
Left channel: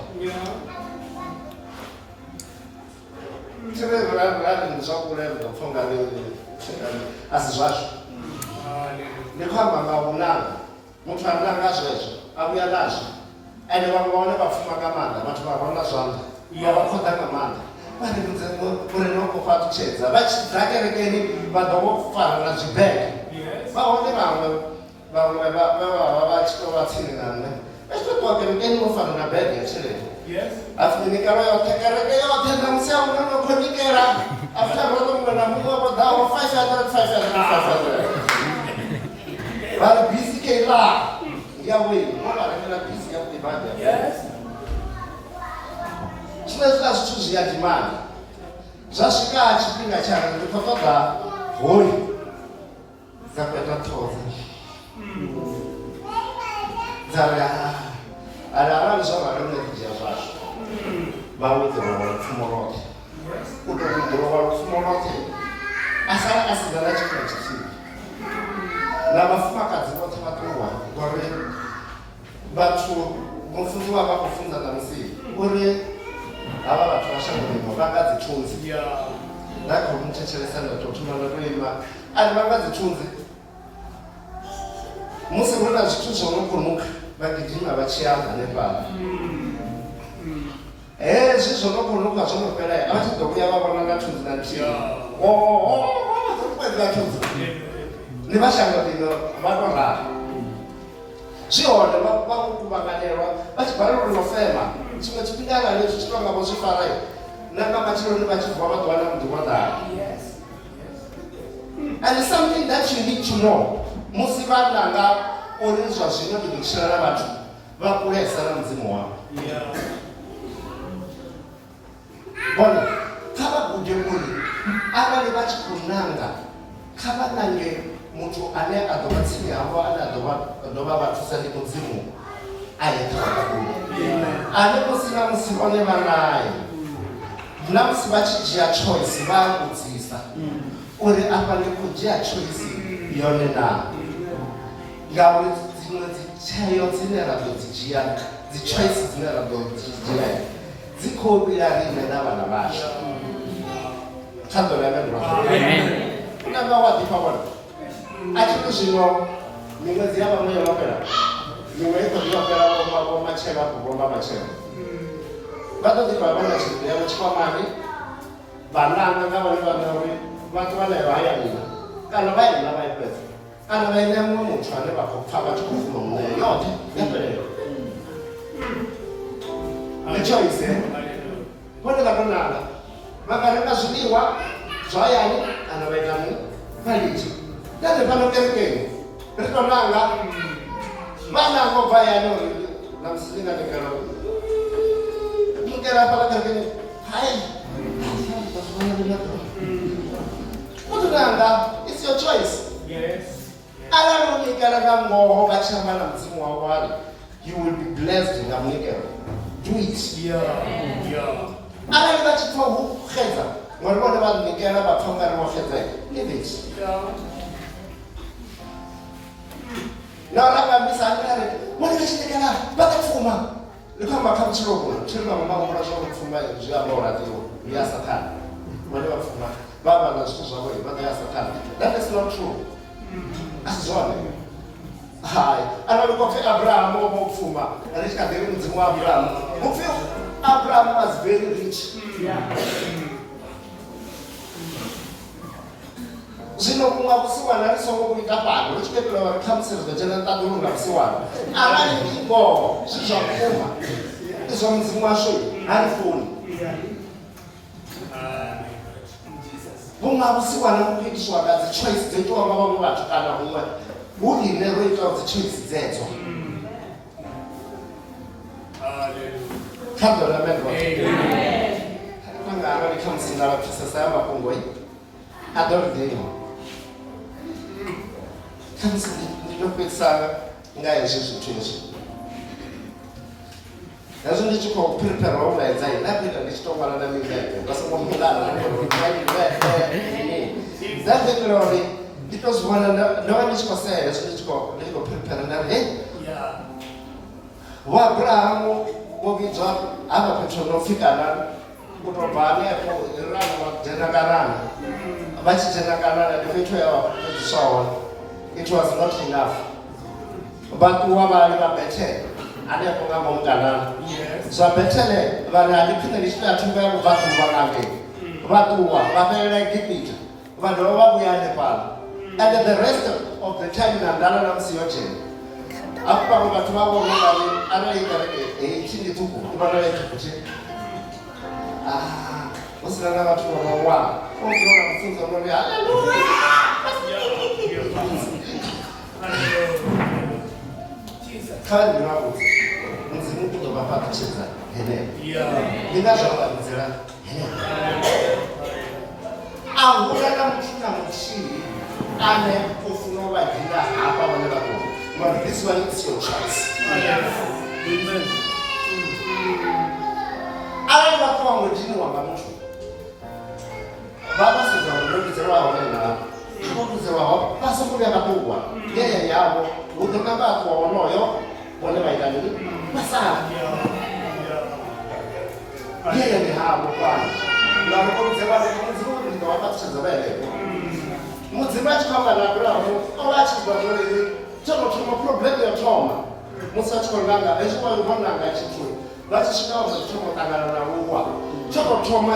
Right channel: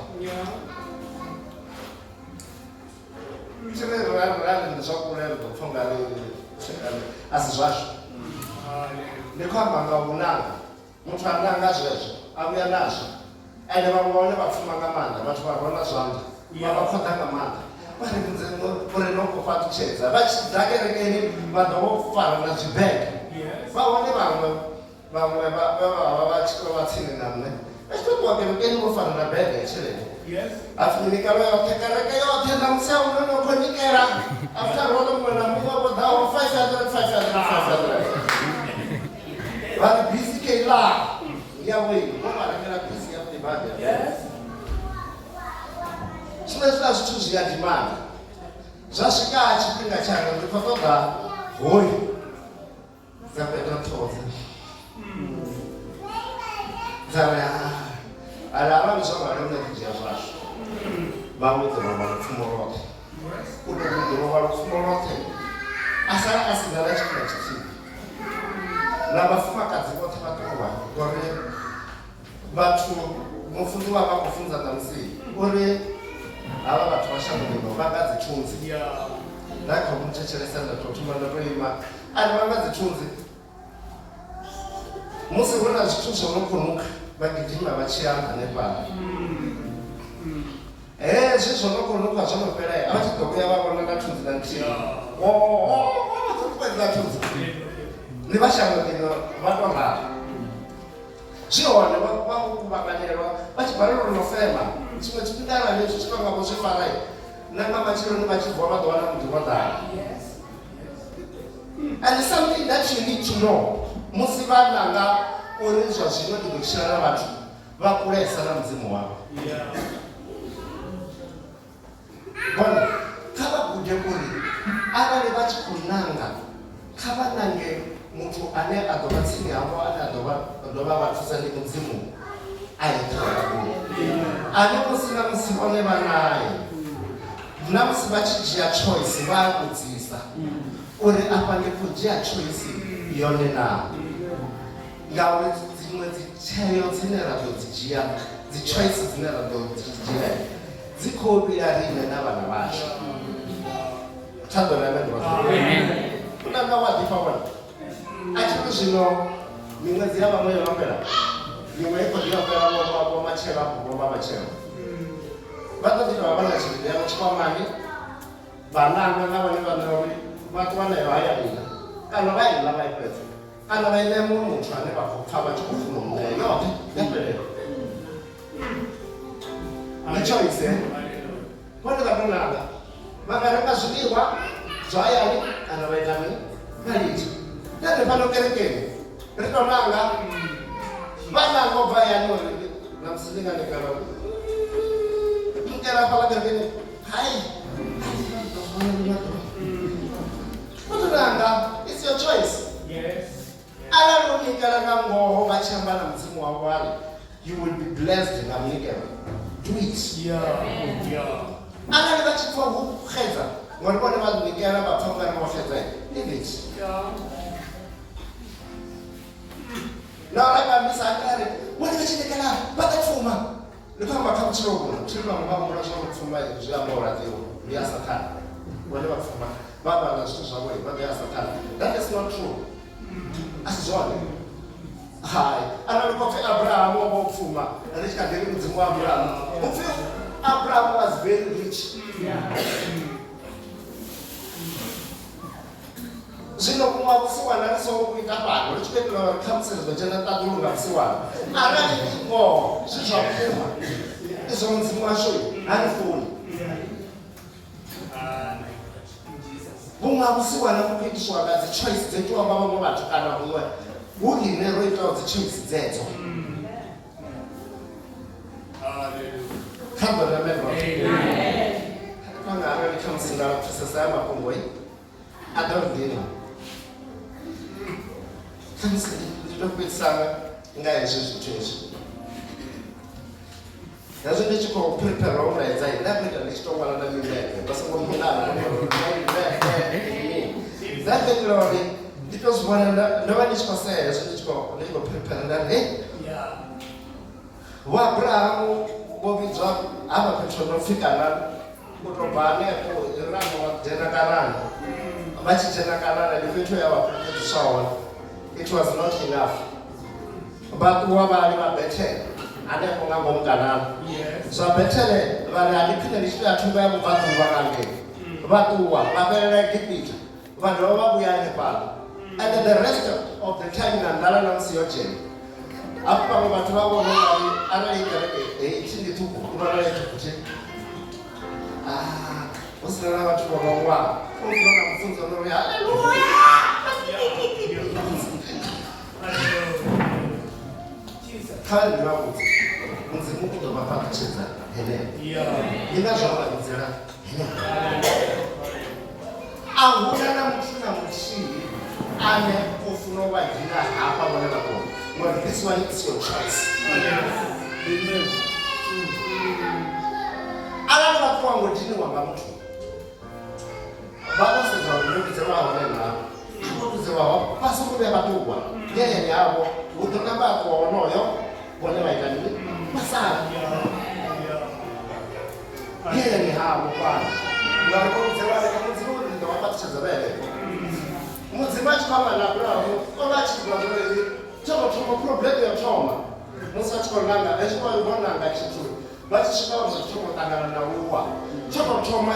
tireverarari ndizvakureva ndopfunga asi zvazvo ndikwamba ngaunanga mutu ananga zvezvo abuya nazvo ende vamwe vaone vapfuma ngamanda vati vavona zvanga vavakonda ngamanda varinze urinokofa tuchedza vachidhakerekeni vadovofarana zvibhege vaone vamwe vachitovatsini namwe vachitotovakerekeni vofarana bhege chireni afinikaro yote kereke yote ndamuseunonokonikera afutarotomwena muvovodhavo 500 vari bhisi keila yawini vovaremera bhisi yakutibadya chinoisira zvithu zviyadhimani zvasvika chipinga chano ndikotoda hori dzapeta toza dzara ari avanizvavaremekijia zvazvo vawedzerova rupfumo rote kutokudhurova rupfumo rote asara asinana chipinga chichivi navafumakadzi vote vatorwa uri vathu mufundi wavakufunza namusii uri ava vathu vashandurino vangadzitunzi ndaikomuchecheresana totumanatoima ari vangadzitunzi musi urina zvithu zvaunokunuka vagidhima vachianza nepano hezvi zvonokunuka zvonoperai avachidokuya vavona ngatunzi nantii vazokukwedzatunzi nevashandurino vanorara zvihone vakuvakanelwa vachibhariro rinofema chimwe chipindana nezvo chinongavo zvifarai nanga machironi vachibva vadowana mudhirodhara and something that you need to know musi vananga uri zvazvino ndikuchirana vathu vakuresa namudzimu wavo bona kavagude kuri avane vachikunanga kavanange mutu ane adova tsini yavo ane adova vathusa nemudzimu ayetakakuri ane musina musima nevanaye namusi vachijia choice vakudzisa uri apa ndikujia choice yone navo ngauri dzimwe dzichayo dzine radodzijia dzichoice dzine radodzijia dzikobira rine navana vacho tadzoravendura kunanga wadhipavona achiri zvino mimwedzi yavamwe yonopera mimwe ikozvinopera vomacheva kuvomba macheva vatodika vavana chiriyavo chikwamani vananga ngavane vanauri vhathu vhaneyo hayani kana vha ina vha ifhedza kana vha ine muṅwe muthu ane vha khou pfa vha tshi khou funa u ṋea yoṱhe ya fhelela ndi choice vhone vha tonala vha nga renga zwiḽiwa zwa hayani kana vha ita mini vha litsha nṋe fhano kerekeni ri to nanga vha nanga u bva hayani uri na musi ndi nga nikela nikela hafhaḽa kerekeni hayi Nanga, it's your choice. Yes. Ala unikela nga ngoho vha tshi amba na mudzimu wavho ari you will be blessed nga munikelo. Do it. Yeah. Arali vha tshi pfa hu xedza ngori vhone vha nikela vha pfa ungari vho xedza leave it. Na ranga misangare vhone vha tshi nikela vha ta pfuma ri khou amba kha vhutshilo vhuno tshilo nga mura zwo pfuma zwi amba uri ati ndi ya sathana vhone vha pfuma vha na zwithu zwavho vha ḓo ya sathana. That is not true. Asizone hayi analo kopfe Abraham obopfuma alithi kadeli mudzimu wa Abraham upfe Abraham was very rich. Zwino kumwa kusiwana ri songo kuita bado ri tshiketela uri khamuselo dzo dzhena ṱaḓulu nga kusiwana arali ngo zwi zwa vhukuma izwo mudzimu washu hani funi vhunga kusiwana kuitiswa nga dzi choice dzo itiwa nga vhaṅwe vhathu kana huṅwe hu ine ro itaho dzi choice dzedzo kha ḓo ramedwa panga arali khamusi nga pfesesa ya mafhungo a ḓo ridini khamusi ndo fhedzisanga nga hezwi zwithu hezwi nazwo ndi tshi khou prepare u vhaedza nda fhedza ndi tshi tou ṅwala na miḽepe nga songo mulala that glory because when no one is concerned so let's go prepare that wa Abraham wo vhidzwa hava fhethu no fikana u to bva hanefho rana wa dzhena kanana vha tshi dzhena kanana ndi fhethu ya vhasowa it was not enough vhaṱuwa vhale vha Bethel hanefho nga ngomu kanana zwa Bethel vhane a ndi khwine ndi tshi ya thungo ya vhubvaḓuvha ngate vhaṱuwa vha fhelela Egipte vha dovha vha vhuya hanefhaḽa and the rest of the time na ndala na musi yo dzhena hafho vhaṅwe vhathu vha vhona ngari arali kereke tshi ndi ṱhukhu ndi vhona ṱhukhu hu sina na vhathu vho no ṅwaha u ḓona mufunzo no ri haleluya kha ndi na vhudzi mudzimu u ḓo vha fhaṱutshedza heneyo ndi nga zwa vha vhudzela heneyo a huna na muthu na muthihi ane o funa u vha dzina hafha vhone vha kona but this one is your choice. Arali vhathu vhaṅwe diniwa nga muthu vha ḓo sedza uri ndo vhidzelwa hone navho vho vhidzelwaho vha songo vhuya vha ṱuwa ngeleni yavho hu ḓo namba a ṱuwa wonoyo vhone vha ita mini vha sala ngeleni havho fhano mara vho vhidzelwa mudzimu uri ndo vha ṱutshedza vha henefho mudzimu a tshi khou amba na Abrahamu o vha a tshi ḓivha zwori tsho tou thoma problem yo thoma musi a tshi khou nanga hezwi vho nanga tshithu vha tshi swika hone tshi thoma u ṱangana na uwa tsho tou thoma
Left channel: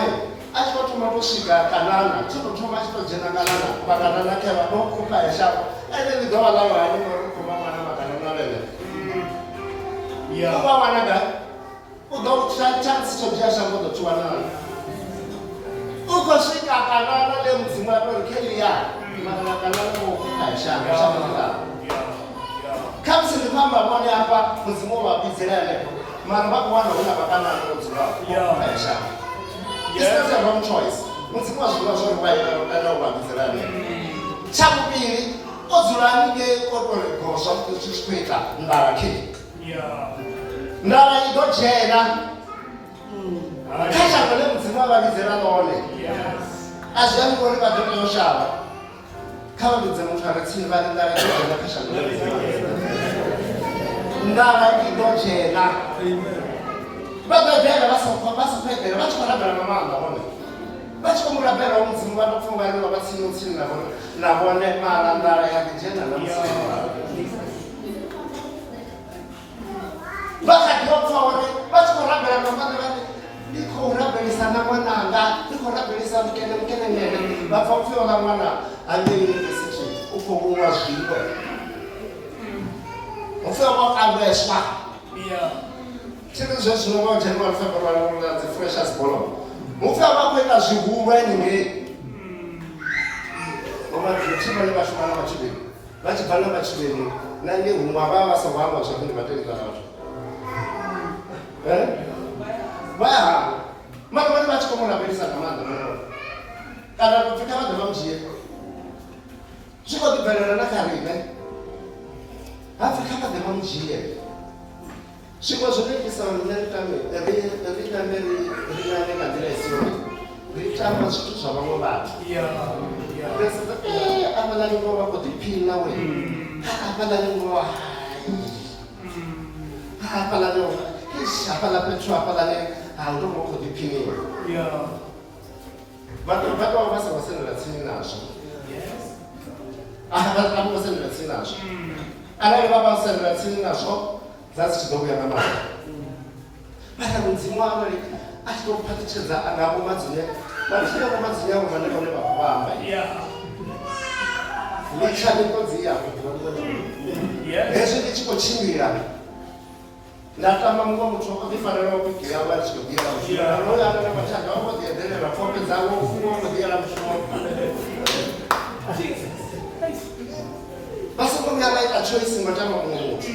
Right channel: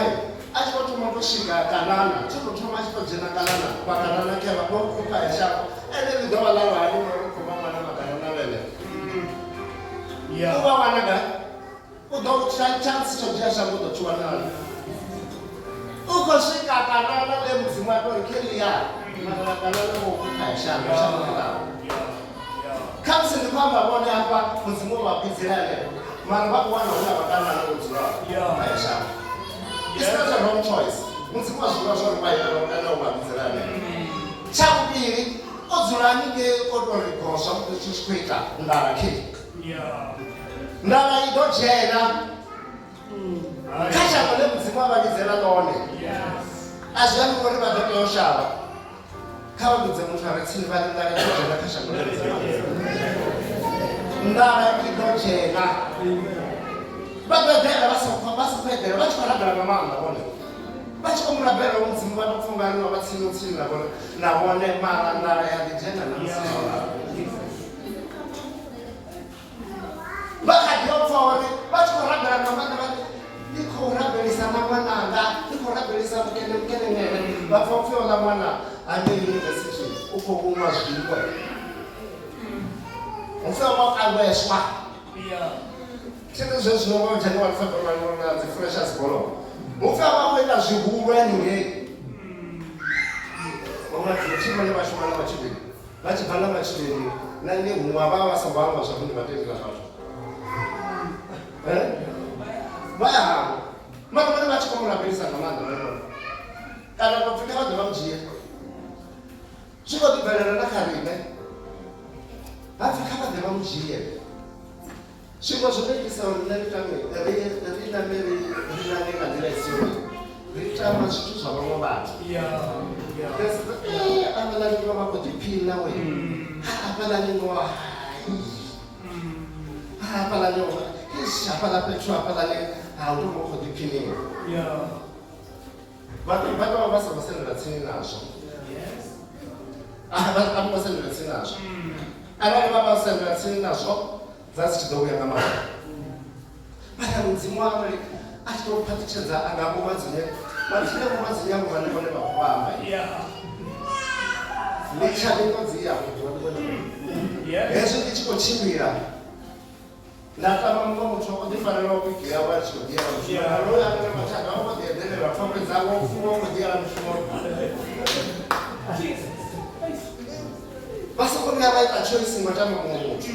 a tshi khou thoma to swika kanana tsho tou thoma a tshi khou dzhena kanana makanana khe vha ḓo khupha ya shavho ene ḽi ḓovha ḽa ṅwani uri khou mama na makanana vhele u vha wana ga u ḓo chance tsho dzhia shavho ḓo tshi wanala u khou swika kanana ḽe mudzimu a tori khe ḽi ya makanana kanana vho khupha ya shavho shavho ḽa khamusi ndi khou amba vhone hafha mudzimu vha vhidzela henefho mara vha wana hu na vhakanana vho dzulaho kha ya shavho. It's not a wrong choice. Mudzimu a zwiḓivha zwori vha ita vhukana u vha vhidzela henefho. Tsha vhuvhili o dzula haningei o tori goswa zwi tshi khou ita nḓala khe nḓala i ḓo dzhena kha shango ḽe mudzimu a vha vhidzela ḽone a zwi ambi uri vha ḓo tea u shavha kha vha vhidze muthu a re tsini vha ri nḓala i ḓo dzhena kha shango ḽe mudzimu a vhidzela nḓala i ḓo dzhena vha ḓo ḓela vha sa eḓela vha tshi khou rabela nga maanḓa vhone vha tshi khou mu rabela wa mudzimu vha ḓo pfha ungari vha tsini tsini na vhone mara nḓala ya ḓi dzhena na mudzimu vha kha ḓi pfha uri vha tshi khou rabela nga maanḓa ndi khou rabelisa na ṅwananga ndi khou rabelisa mukenenyele vha Ngapfa muthu ola mwana ane university ukho kunwa zwiko. Muthu wakangweswa. Tshine zwo zwino vha January February na dzi freshers bolo. Muthu wakwenda zwihulwane ngei. Mama tshimone vha shuma na matshudeni. Vha tshi bva na matshudeni na ndi huṅwe vha songo amba zwavhuḓi vhatendi na vhathu. Vha mara vhone vha tshi khou mulambelisa nga maanḓa kana to pfhi kha vha ḓe vha mu dzhie. Zwi khou ḓi bvelela na kha riṋe hapfi kha vha ḓe vha mu dzhie. Zwiṅwe zwone itisa uri nṋe ri tambe ri nane nga nḓila i si yone ri tamba zwithu zwa vhaṅwe vhathu. Avhaḽani ngoho vha khou ḓiphina we avhaḽani ngoho hafhaḽani hafhaḽa fhethu hafhaḽani ha u tou vha u khou ḓiphiniwa. Vhathu vha tou vha songo sendela tsini nazwo. Vha khou sendela tsini nazwo. Arali vha vha sendela tsini nazwo dza si tshi ḓo vhuya nga maanḓa. Mara mudzimu arali a tshi tou phaṱutshedza nga vho Madzunya vhathu vha Madzunya avho vhane vhone vha khou amba. Litsha miṱodzi ya hezwi ndi tshi khou tshimbila nda tama muṅwe muthu o ḓi fanela u bikea vha tshi khou ḓiela mushumo no ya na mathanda o ḓi eḓelela pfhombe dzawe u funa u khou ḓiela mushumo. Vha songo vhuya vha ita choice ngo tama muṅwe muthu.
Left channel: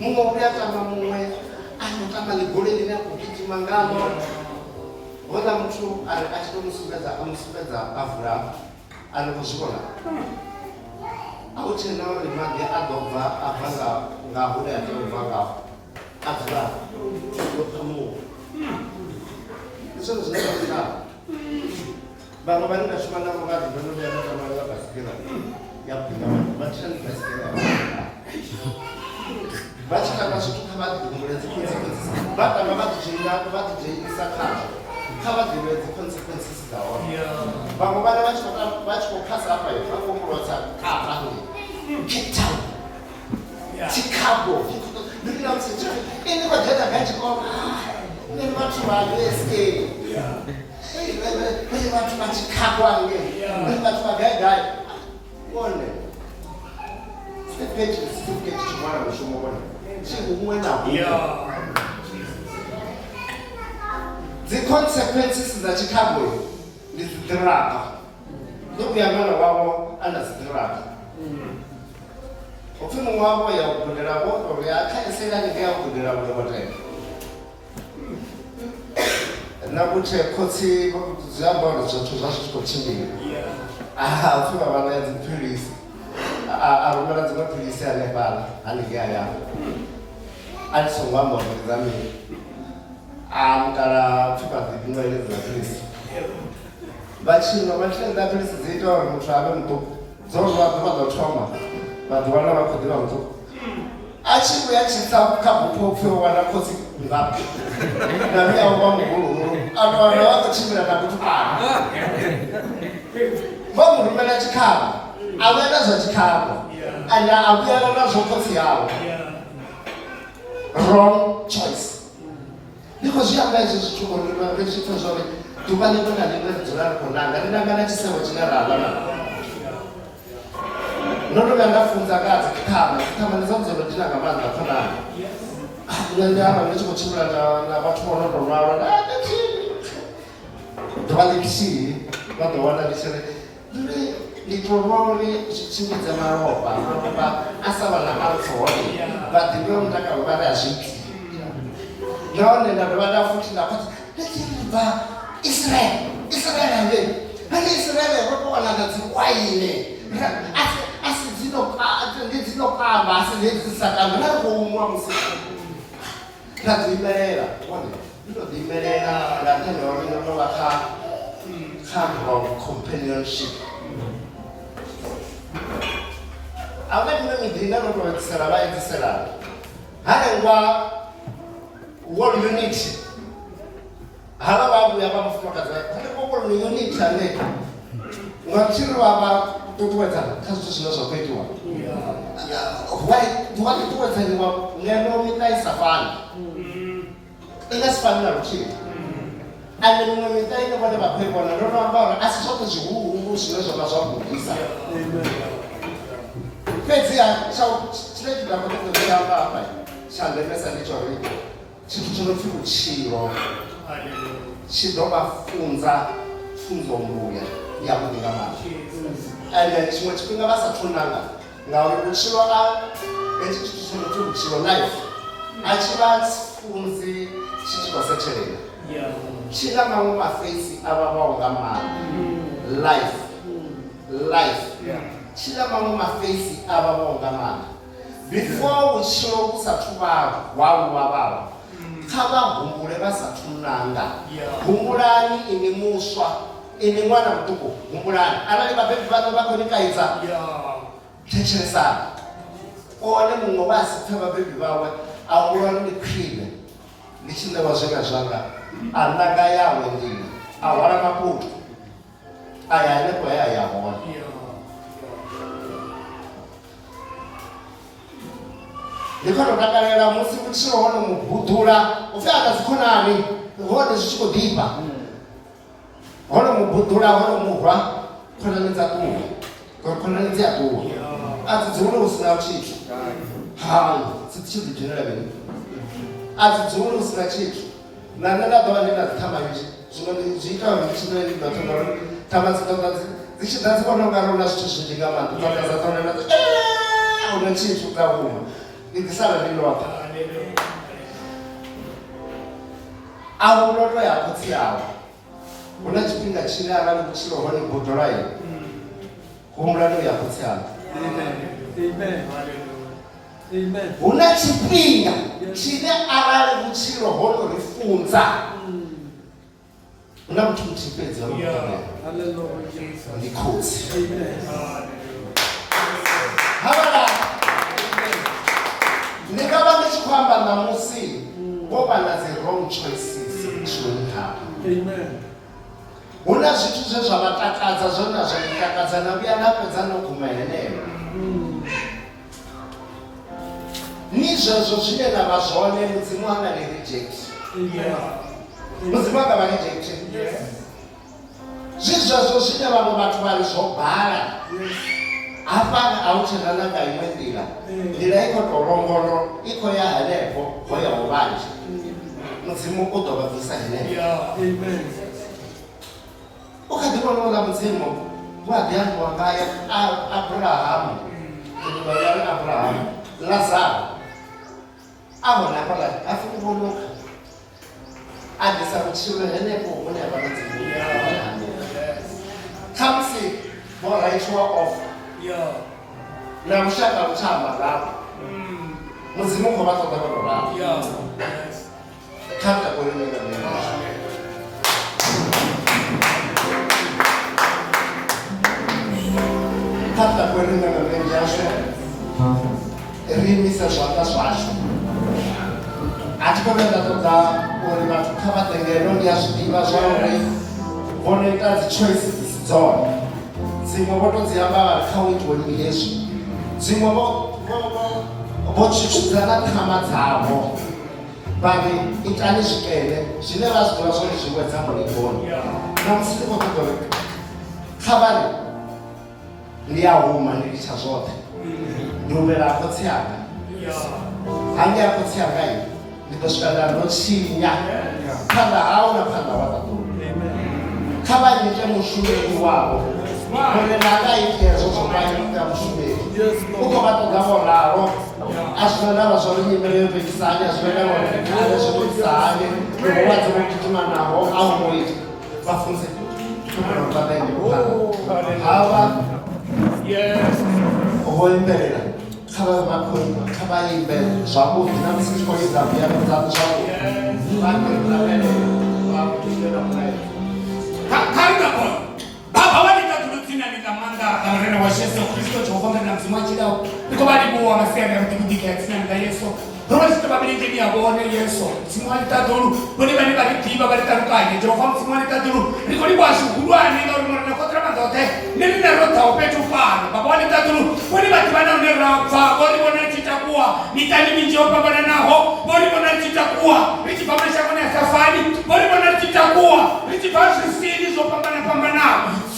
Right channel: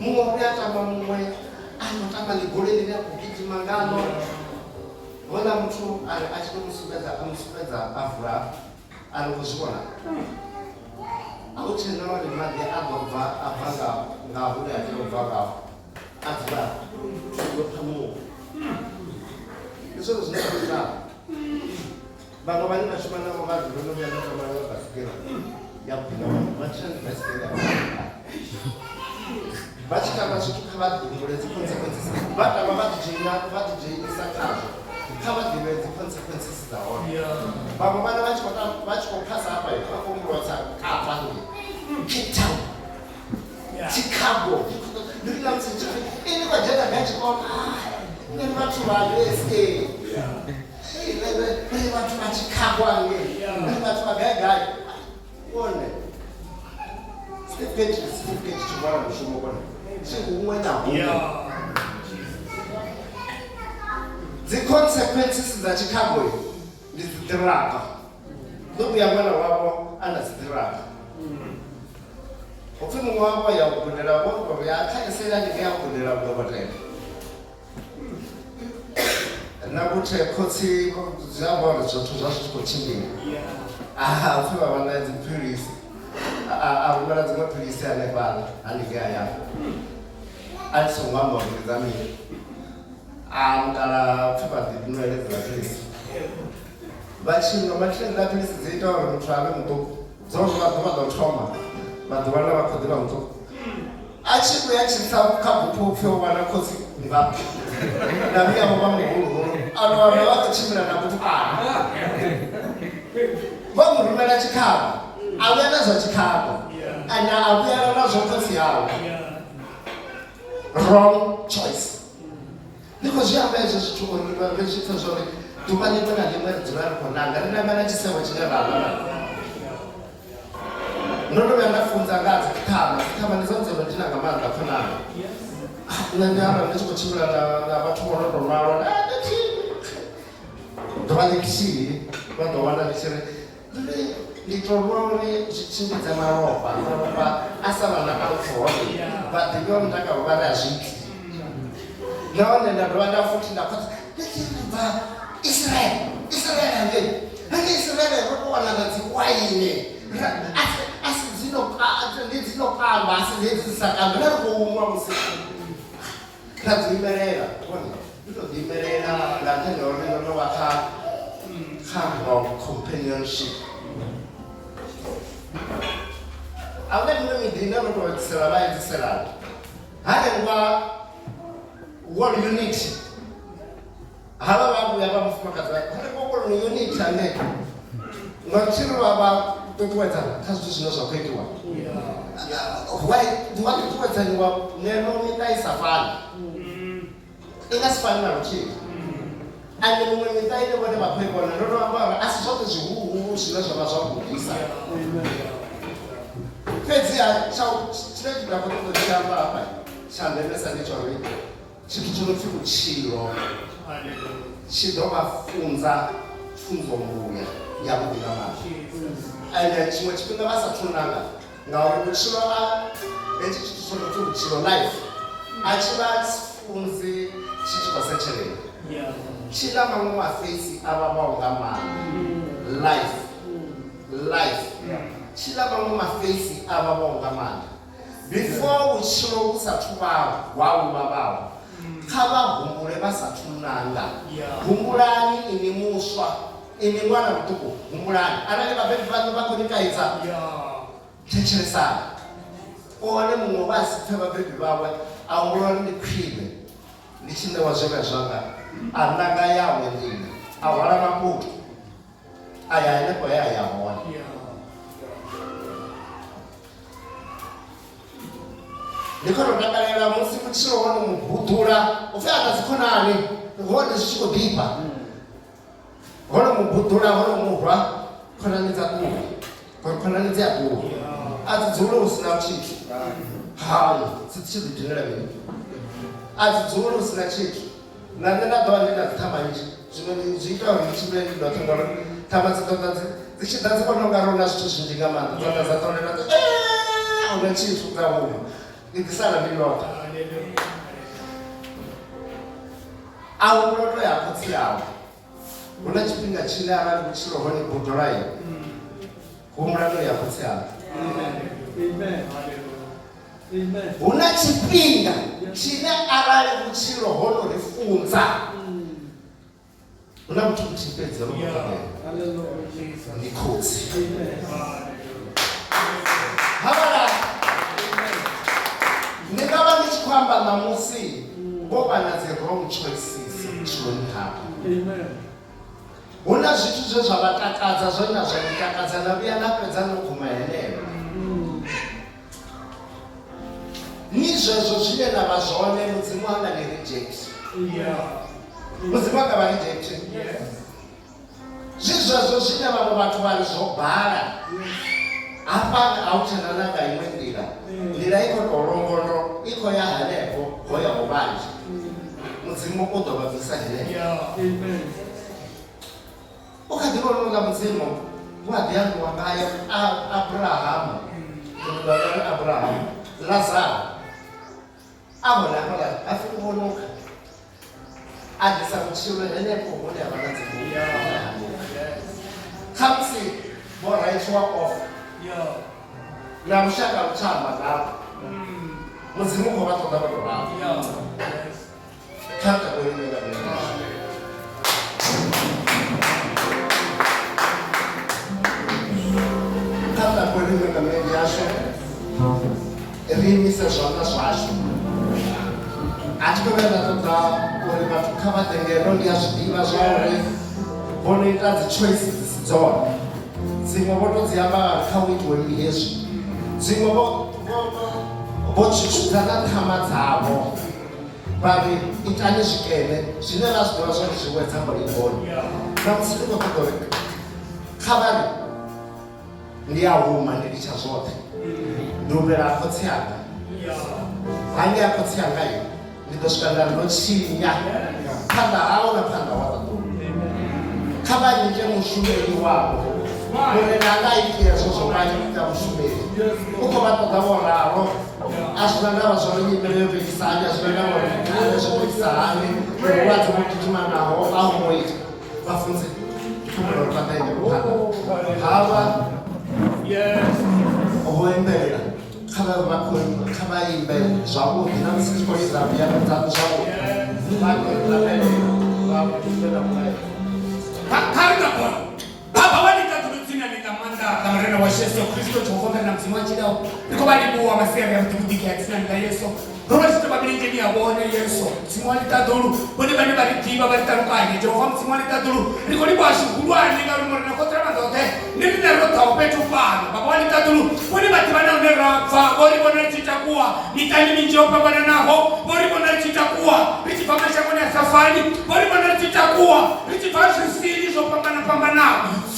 Muṅwe u ya tama muṅwe a no tama ḽigoli ḽine a khou gidima ngalo. Houḽa muthu a tshi tou musumbedza a vula a ni khou zwi vhona. A hu tshena uri maḓi a ḓo bva a bva nga hune a tea u bva ngaho. A dzula yo phamuwa. Ndi zwone zwine zwa ita. Vhaṅwe vhane vha shuma navho vha ḓi vhono vhuya na tama nga basikela ya bika vha tshina ndi basikela ya vha tshi tamba zwithu kha vha ḓi humbule dzi consequences. Vha tamba vha ḓi dzhenisa khazwo. Kha vha ḓivhe dzi consequences dza hone. Vhaṅwe vhana vha tshi khou phasa hafha vha khou humbulesa Kapa Cape Town Chicago. Ndi na musi ini vha dzhena kha tshikolo ndi vhathu vha USA. Ndi vhathu vha Chicago angei. Ndi vhathu vha gai. Vhone certificate tshivhala mushumo vhone tshi huṅwe na huṅwe. The consequences dza Chicago ndi dzi ḓiraka. Ndo vhuya ṅwana wavho a na dzi ḓiraka. Upfi muṅwe wavho ya u gudela vho uri a khaisela ndi ya u gudela vhudokotela. Na kuti khotsi dzi amba uri zwithu zwa zwi khou tshimbila. Upfi vha vha na dzi philisi. A rumela dziṅwe philisi hanefhaḽa haningei hayani. A tshi songo amba uri ndi dza mini. Mukala upfi vha ḓi nwele dza philisi. Vha tshi nwa matshini dza philisi dzi ita uri muthu a vhe muṱuku. Dzo vha ḓuvha ḓo thoma vha ḓuvha vha khou ḓivha muṱuku. A tshi vhuya tshi tsa kha bupho upfi u wana khotsi ngaphi. Na vhuya u vha muhuluhulu. Ano wana vha khou tshimbila na kutukana. Vha mu rumela tshikhala. A vhuya na zwa tshikhala. Ane a vhuyela na zwo khotsi yawe. Wrong choice. Ndi khou zwi amba hezwo zwithu uri ri zwi pfhe zwori ḓuvha ḽiṅwe na ḽiṅwe ri dzula ri khou nanga. Ri nanga na tshisevho tshine ra vha na. Ndo tou vhuya nda funza nga ha dzikhithama. Dzikhithama ndi dzone dzo no dina nga maanḓa khonani. Nṋe ndi arali ndi tshi khou tshimbila na vhathu vho no tou malwa ḓuvha ḽithihi vha ḓo wana ndi tshi ri ndi tou rwa uri zwi tshimbidze malofha a sa vha na alcohol. Vha ḓivhe mutakalo vha na zwithu. Nahone nda dovha nda futhi nda khotsa bva Israel angei. Hangei Israel ro tou wana na dzi waini. A si dzi no kamba a si hedzi sa kambe. Ra ri khou nwa musi ra ḓi imelela. Ndi tou ḓi imelela nga nṱhani ha uri ndo no vha kha wrong companionship. A vhe nṋe miḓini ndo tou edzisela vha edziselana. Hanengwa World Unity. Havha vha vhuya vha mufumakadzi vha World Unity ane nga tshino vha ṱuṱuwedzana kha zwithu zwine zwa khou itiwa. Ḓuvha ṱuṱuwedzaniwa ngeno miṱa i sa fani. I nga si fani na luthihi. ane mumwe miṱa ine vhone vha khou i vhona ndo no amba uri a si zwoṱhe zwihulu zwine zwa vha zwa gudisa fhedziha tshine tshi nda khou ṱoḓa tshi amba hafha tsha ndemesa ndi tsha uri tshithu tsho no pfhi vhutshilo tshi ḓo vha funza pfunzo mbuya yavhuḓi nga maanḓa ende tshiṅwe tshifhinga vha sathu nanga ngauri vhutshilo hetshi tshithu tsho no pfhi vhutshilo life a tshi vha funzi tshi tshi khou setshelela tshi na maṅwe mafeisi a vhavhaho nga maanḓa life tshi na maṅwe mafeisi a vhavhaho nga maanḓa before vhutshilo vhu sathu vha wau vhavhaho kha vha humbule vha sathu nanga humbulani ini muswa ini ṅwana muṱuku humbulani arali vhabebi vhaṋu vha khou ni kaidza thetshelesani one muṅwe vha si pfe vhabebi vhawe a humbula ndi khwine ndi tshi ṋewa zwene zwanga a nanga yawe nḓila a hwala makutu a ya hanefho he a ya hone ndi khou tou takalela musi vhutshilo hono mubudula upfhi ana dzikhonani hone zwi tshi khou ḓifha hono mubudula hono murwa khonani dza ṱuwa khonani dzi a ṱuwa a dzi dzule hu si na tshithu hayi dzi tshi ḓi dzhenela mini a dzi dzule hu si na tshithu na nṋe nda ḓo vha ndi na dzi thama nnzhi zwino zwi ita uri tshine ndi ḓo thoma uri thama dzi ṱoḓa dzi tshi ḓa dzi vhona u nga ri hu na zwithu zwinzhi nga maanḓa dza ḓa dza ṱolela hu na tshithu dza huma ndi ḓi sala ndi lwapha a hu ndo to ya khotsi yawe hu na tshifhinga tshine arali vhutshilo hone bodolayo humbulano ya khotsi yawe hu na tshifhinga tshine arali vhutshilo hono ri funza hu na muthu muthihi fhedzi ndi khotsi havhala ndi nga vha ndi tshi khou amba ṋamusi vho vha na dzi wrong choices vhutshiloni havho hu na zwithu zwe zwa vha takadza zwone na zwa mitakadza na vhuya na fhedza no guma heneyo ni zwezwo zwine na vha zwone mudzimu anga ni reject mudzimu anga vha reject zwi zwezwo zwine vhaṅwe vhathu vha ri zwo bala hafha a hu tshena na nga iṅwe nḓila i khou tou longolo i khou ya hanefho ho yaho vhanzhi mudzimu u ḓo vha bvisa heneyo u kha ḓi vhona u nga mudzimu wa ḓi ambiwa ngayo Abrahamu Lazaro a vhona hafhaḽa a pfhi u vhonoka a ḓisa vhutshilo henefho hune ha vha na dzimu kha musi vho raithiwa off na lushaka lu tshamba ngavho mudzimu u khou vha ṱoḓa vho tou ralo kha ntakoline nga mini kha ntakoline nga mini yashu ri imise zwanḓa zwashu a thi khou vhuya nda ṱoḓa uri vhathu kha vha ḓe ngeno ndi a zwi ḓivha zwa uri vho no ita dzi choices dzi si dzone dziṅwe vho to dzi amba kha u itiwa uri hezwi dziṅwe vho tshutshudza na ṱhama dzavho vha ri itani zwikene zwine vha zwi ḓivha zwone zwi wedza mulingoni na musi ndi khou ṱoḓa uri kha vha ri ndi a huma ndi litsha zwoṱhe ndi humela khotsi anga hange a khotsi anga i ndi ḓo swika nda ndo tshinya phanḓa hawo na phanḓa wa ṱaṱuwa kha vha nyite mushumeli wavho uri nanga ite hezwo zwo vha ita mushumeli u khou vha ṱoḓa vho ralo a zwi na ndavha zwa uri nyimele yo vekisa hani a zwi na ndavha uri zwo vekisa hani vhulwadze vho gidimanaho a hu ngo ita vha funze vha ḓaende phanḓa havha ho imbelela kha vha imbe zwavhuḓi na musi tshi khou lidza piano dzavho zwavhuḓi vha Baba walitathulutsina nikamanda kamarena wa Yesu Kristo Jehova na mzima chidao nikobali buwa masiya ya mtikudiki ya tsina nga Yesu roho sitababili njeni ya bone Yesu mzima litadulu boni bani bali tiba bali tarukanye Jehova mzima litadulu nikoli bwashu kulwane ngaro na kotra mandote dote nini na rota upetu pana baba wali tatulu wali batibana unerafa wali bona chitakuwa mitani minjopa bana naho wali bona chitakuwa richi pamasha kone safari wali bona chitakuwa richi fashi sini zo pambana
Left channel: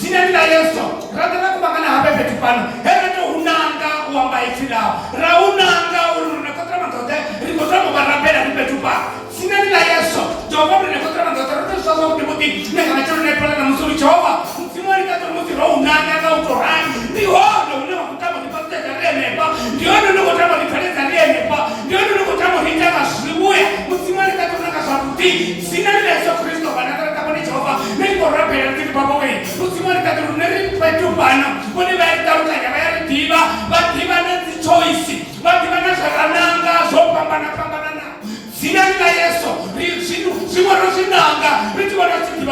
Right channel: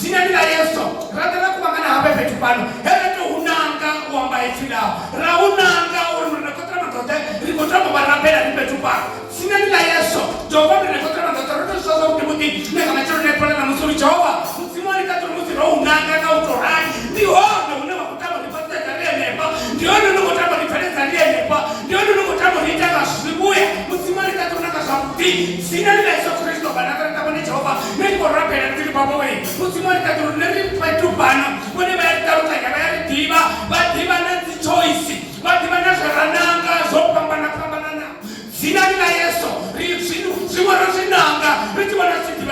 sina nila Yesu rada na kubangana hape petu pana hele to unanga uamba ifila ra unanga uruna kotra dote rikotra mubarabela ni petu pana sina nila Yesu Jehova ni kotra dote roto sasa utimuti ne kama choro ne pala na musuru Jehova msimoni katoro muti ro unanga na utorani ni hono unema kutama ni pasta karia nepa ndio ndio kutama ni pale karia nepa ndio ndio kutama ni tena shibuya msimoni katoro na kasabuti sina nila Yesu Kristo bana kama ni Jehova ne ko rapela ndi baba we msimoni katoro ne petu pana wone ba tauta ya ba diba badiba na choice badiba na sarananga zo pambana na sina nila Yesu Nanga, Richi Nanga,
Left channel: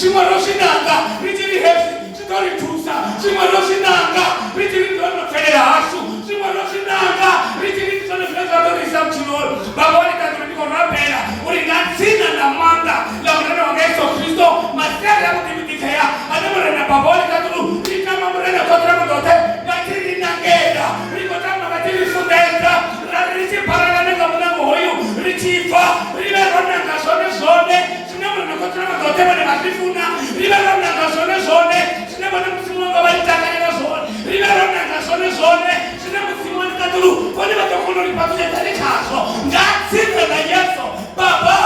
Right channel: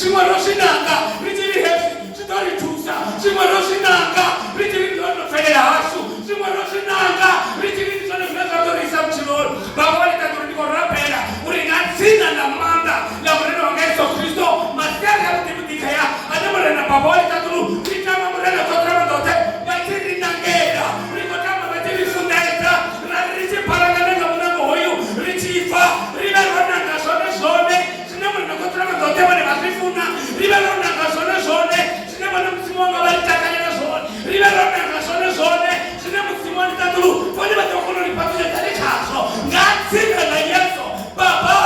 Richi Nanga, Richi Nanga, Richi Federasu, Nanga, Richi Baba Católico Rapera, Urigansina la manda, la Morena Gesto Cristo, Materia Multiplicaya, Adamorena Baba Católico, Ricama Morena Cotramote, Batiri Nangeda, Ricotama Batiri Sudestra, Richi Paragamena Monamoyo, Richi Fa, Rivera Nanga Zone, Sinamona Cotramote, Matifuna, Rivera Nanga Zone, Sinamona Simona Valitana Zone, Rivera Nanga Zone, Sinamona Simona Catulu, whatever the Holy Republic caso, Gatsina na Yeso, Baba,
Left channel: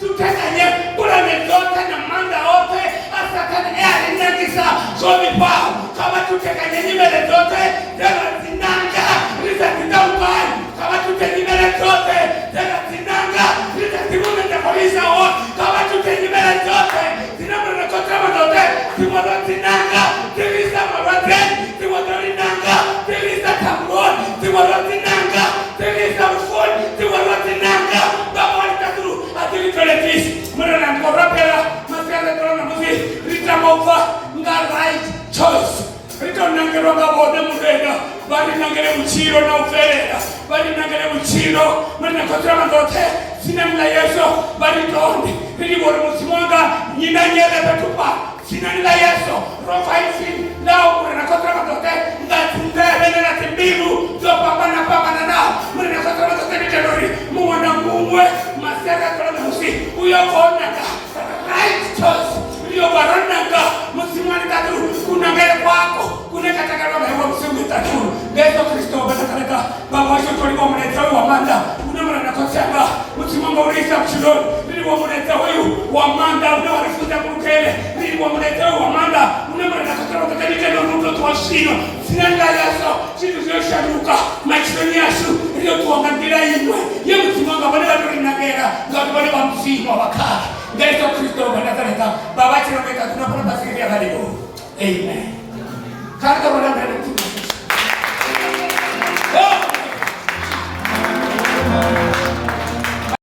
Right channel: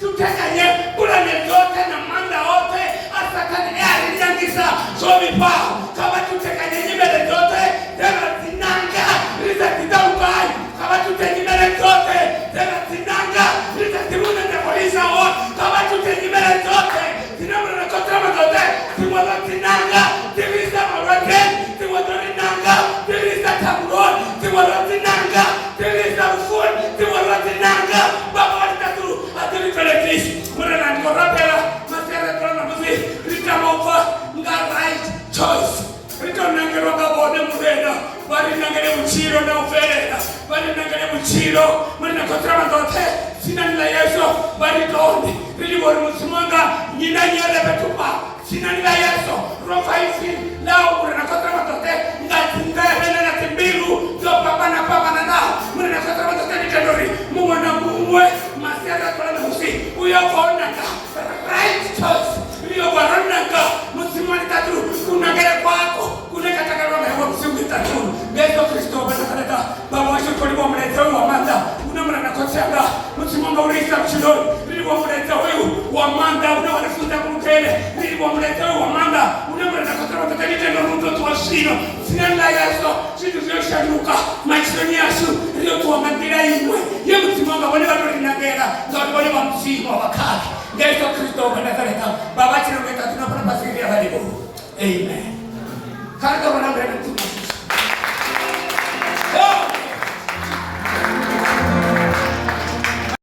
to take a year, put a daughter and Amanda Ote, after an air in Nangisa, so we bow, come to take a new daughter, there are the Nanga, is at the down by, come to take another daughter, there are the Nanga, is at the moon and the police award, come to take another daughter, the number of Cotramadote, the one of the Nanga, there is some of our friend, the one of the Nanga, there is that road, the one of the Nanga, there is some food, the one of the Nanga, Baba Tatu, at the Philippines, Murana Morapella, Mascara Musi, Ritamova, right choice. Ritorno Nanga Roga Murena, Bari Nanga Muciro, no Ferena, Bari Nanga Muciro, Murna Cotramadote, Sinan Yeso, Bari Toni, Rimor Musmonga, Nina Betupa, Sinan Yeso, Rofaisi, now Murna Cotramadote, that's in there, and Bilu, Zopapana Papana, Murna Cotramadote, Mumana Mumwe, Mascara Musi, we are for Nanga, right choice. Nanga, Musimani Tatu, Kunagare Paco, Kunakataka, Musim Tatu, Beto Cristo, Betanaka, Baba Shuri Woman and Amanda, Unamana Kosanga, Musimanga Risa Chilo, Really Woman and Tawayu, Wamanda, Unamana Futa Mukele, Really Woman and Amanda, Unamana Kataka, Nuka to Asino, Sinanga Yaso, Situation Luka, Madzunya S, Rio to Mandira, Yamusimanga, whatever in Nanga, not whatever I'm seeing of a car. Yesu Kristo Baba chino kita tuna pernah pasir dia kali. Amen. Karena orang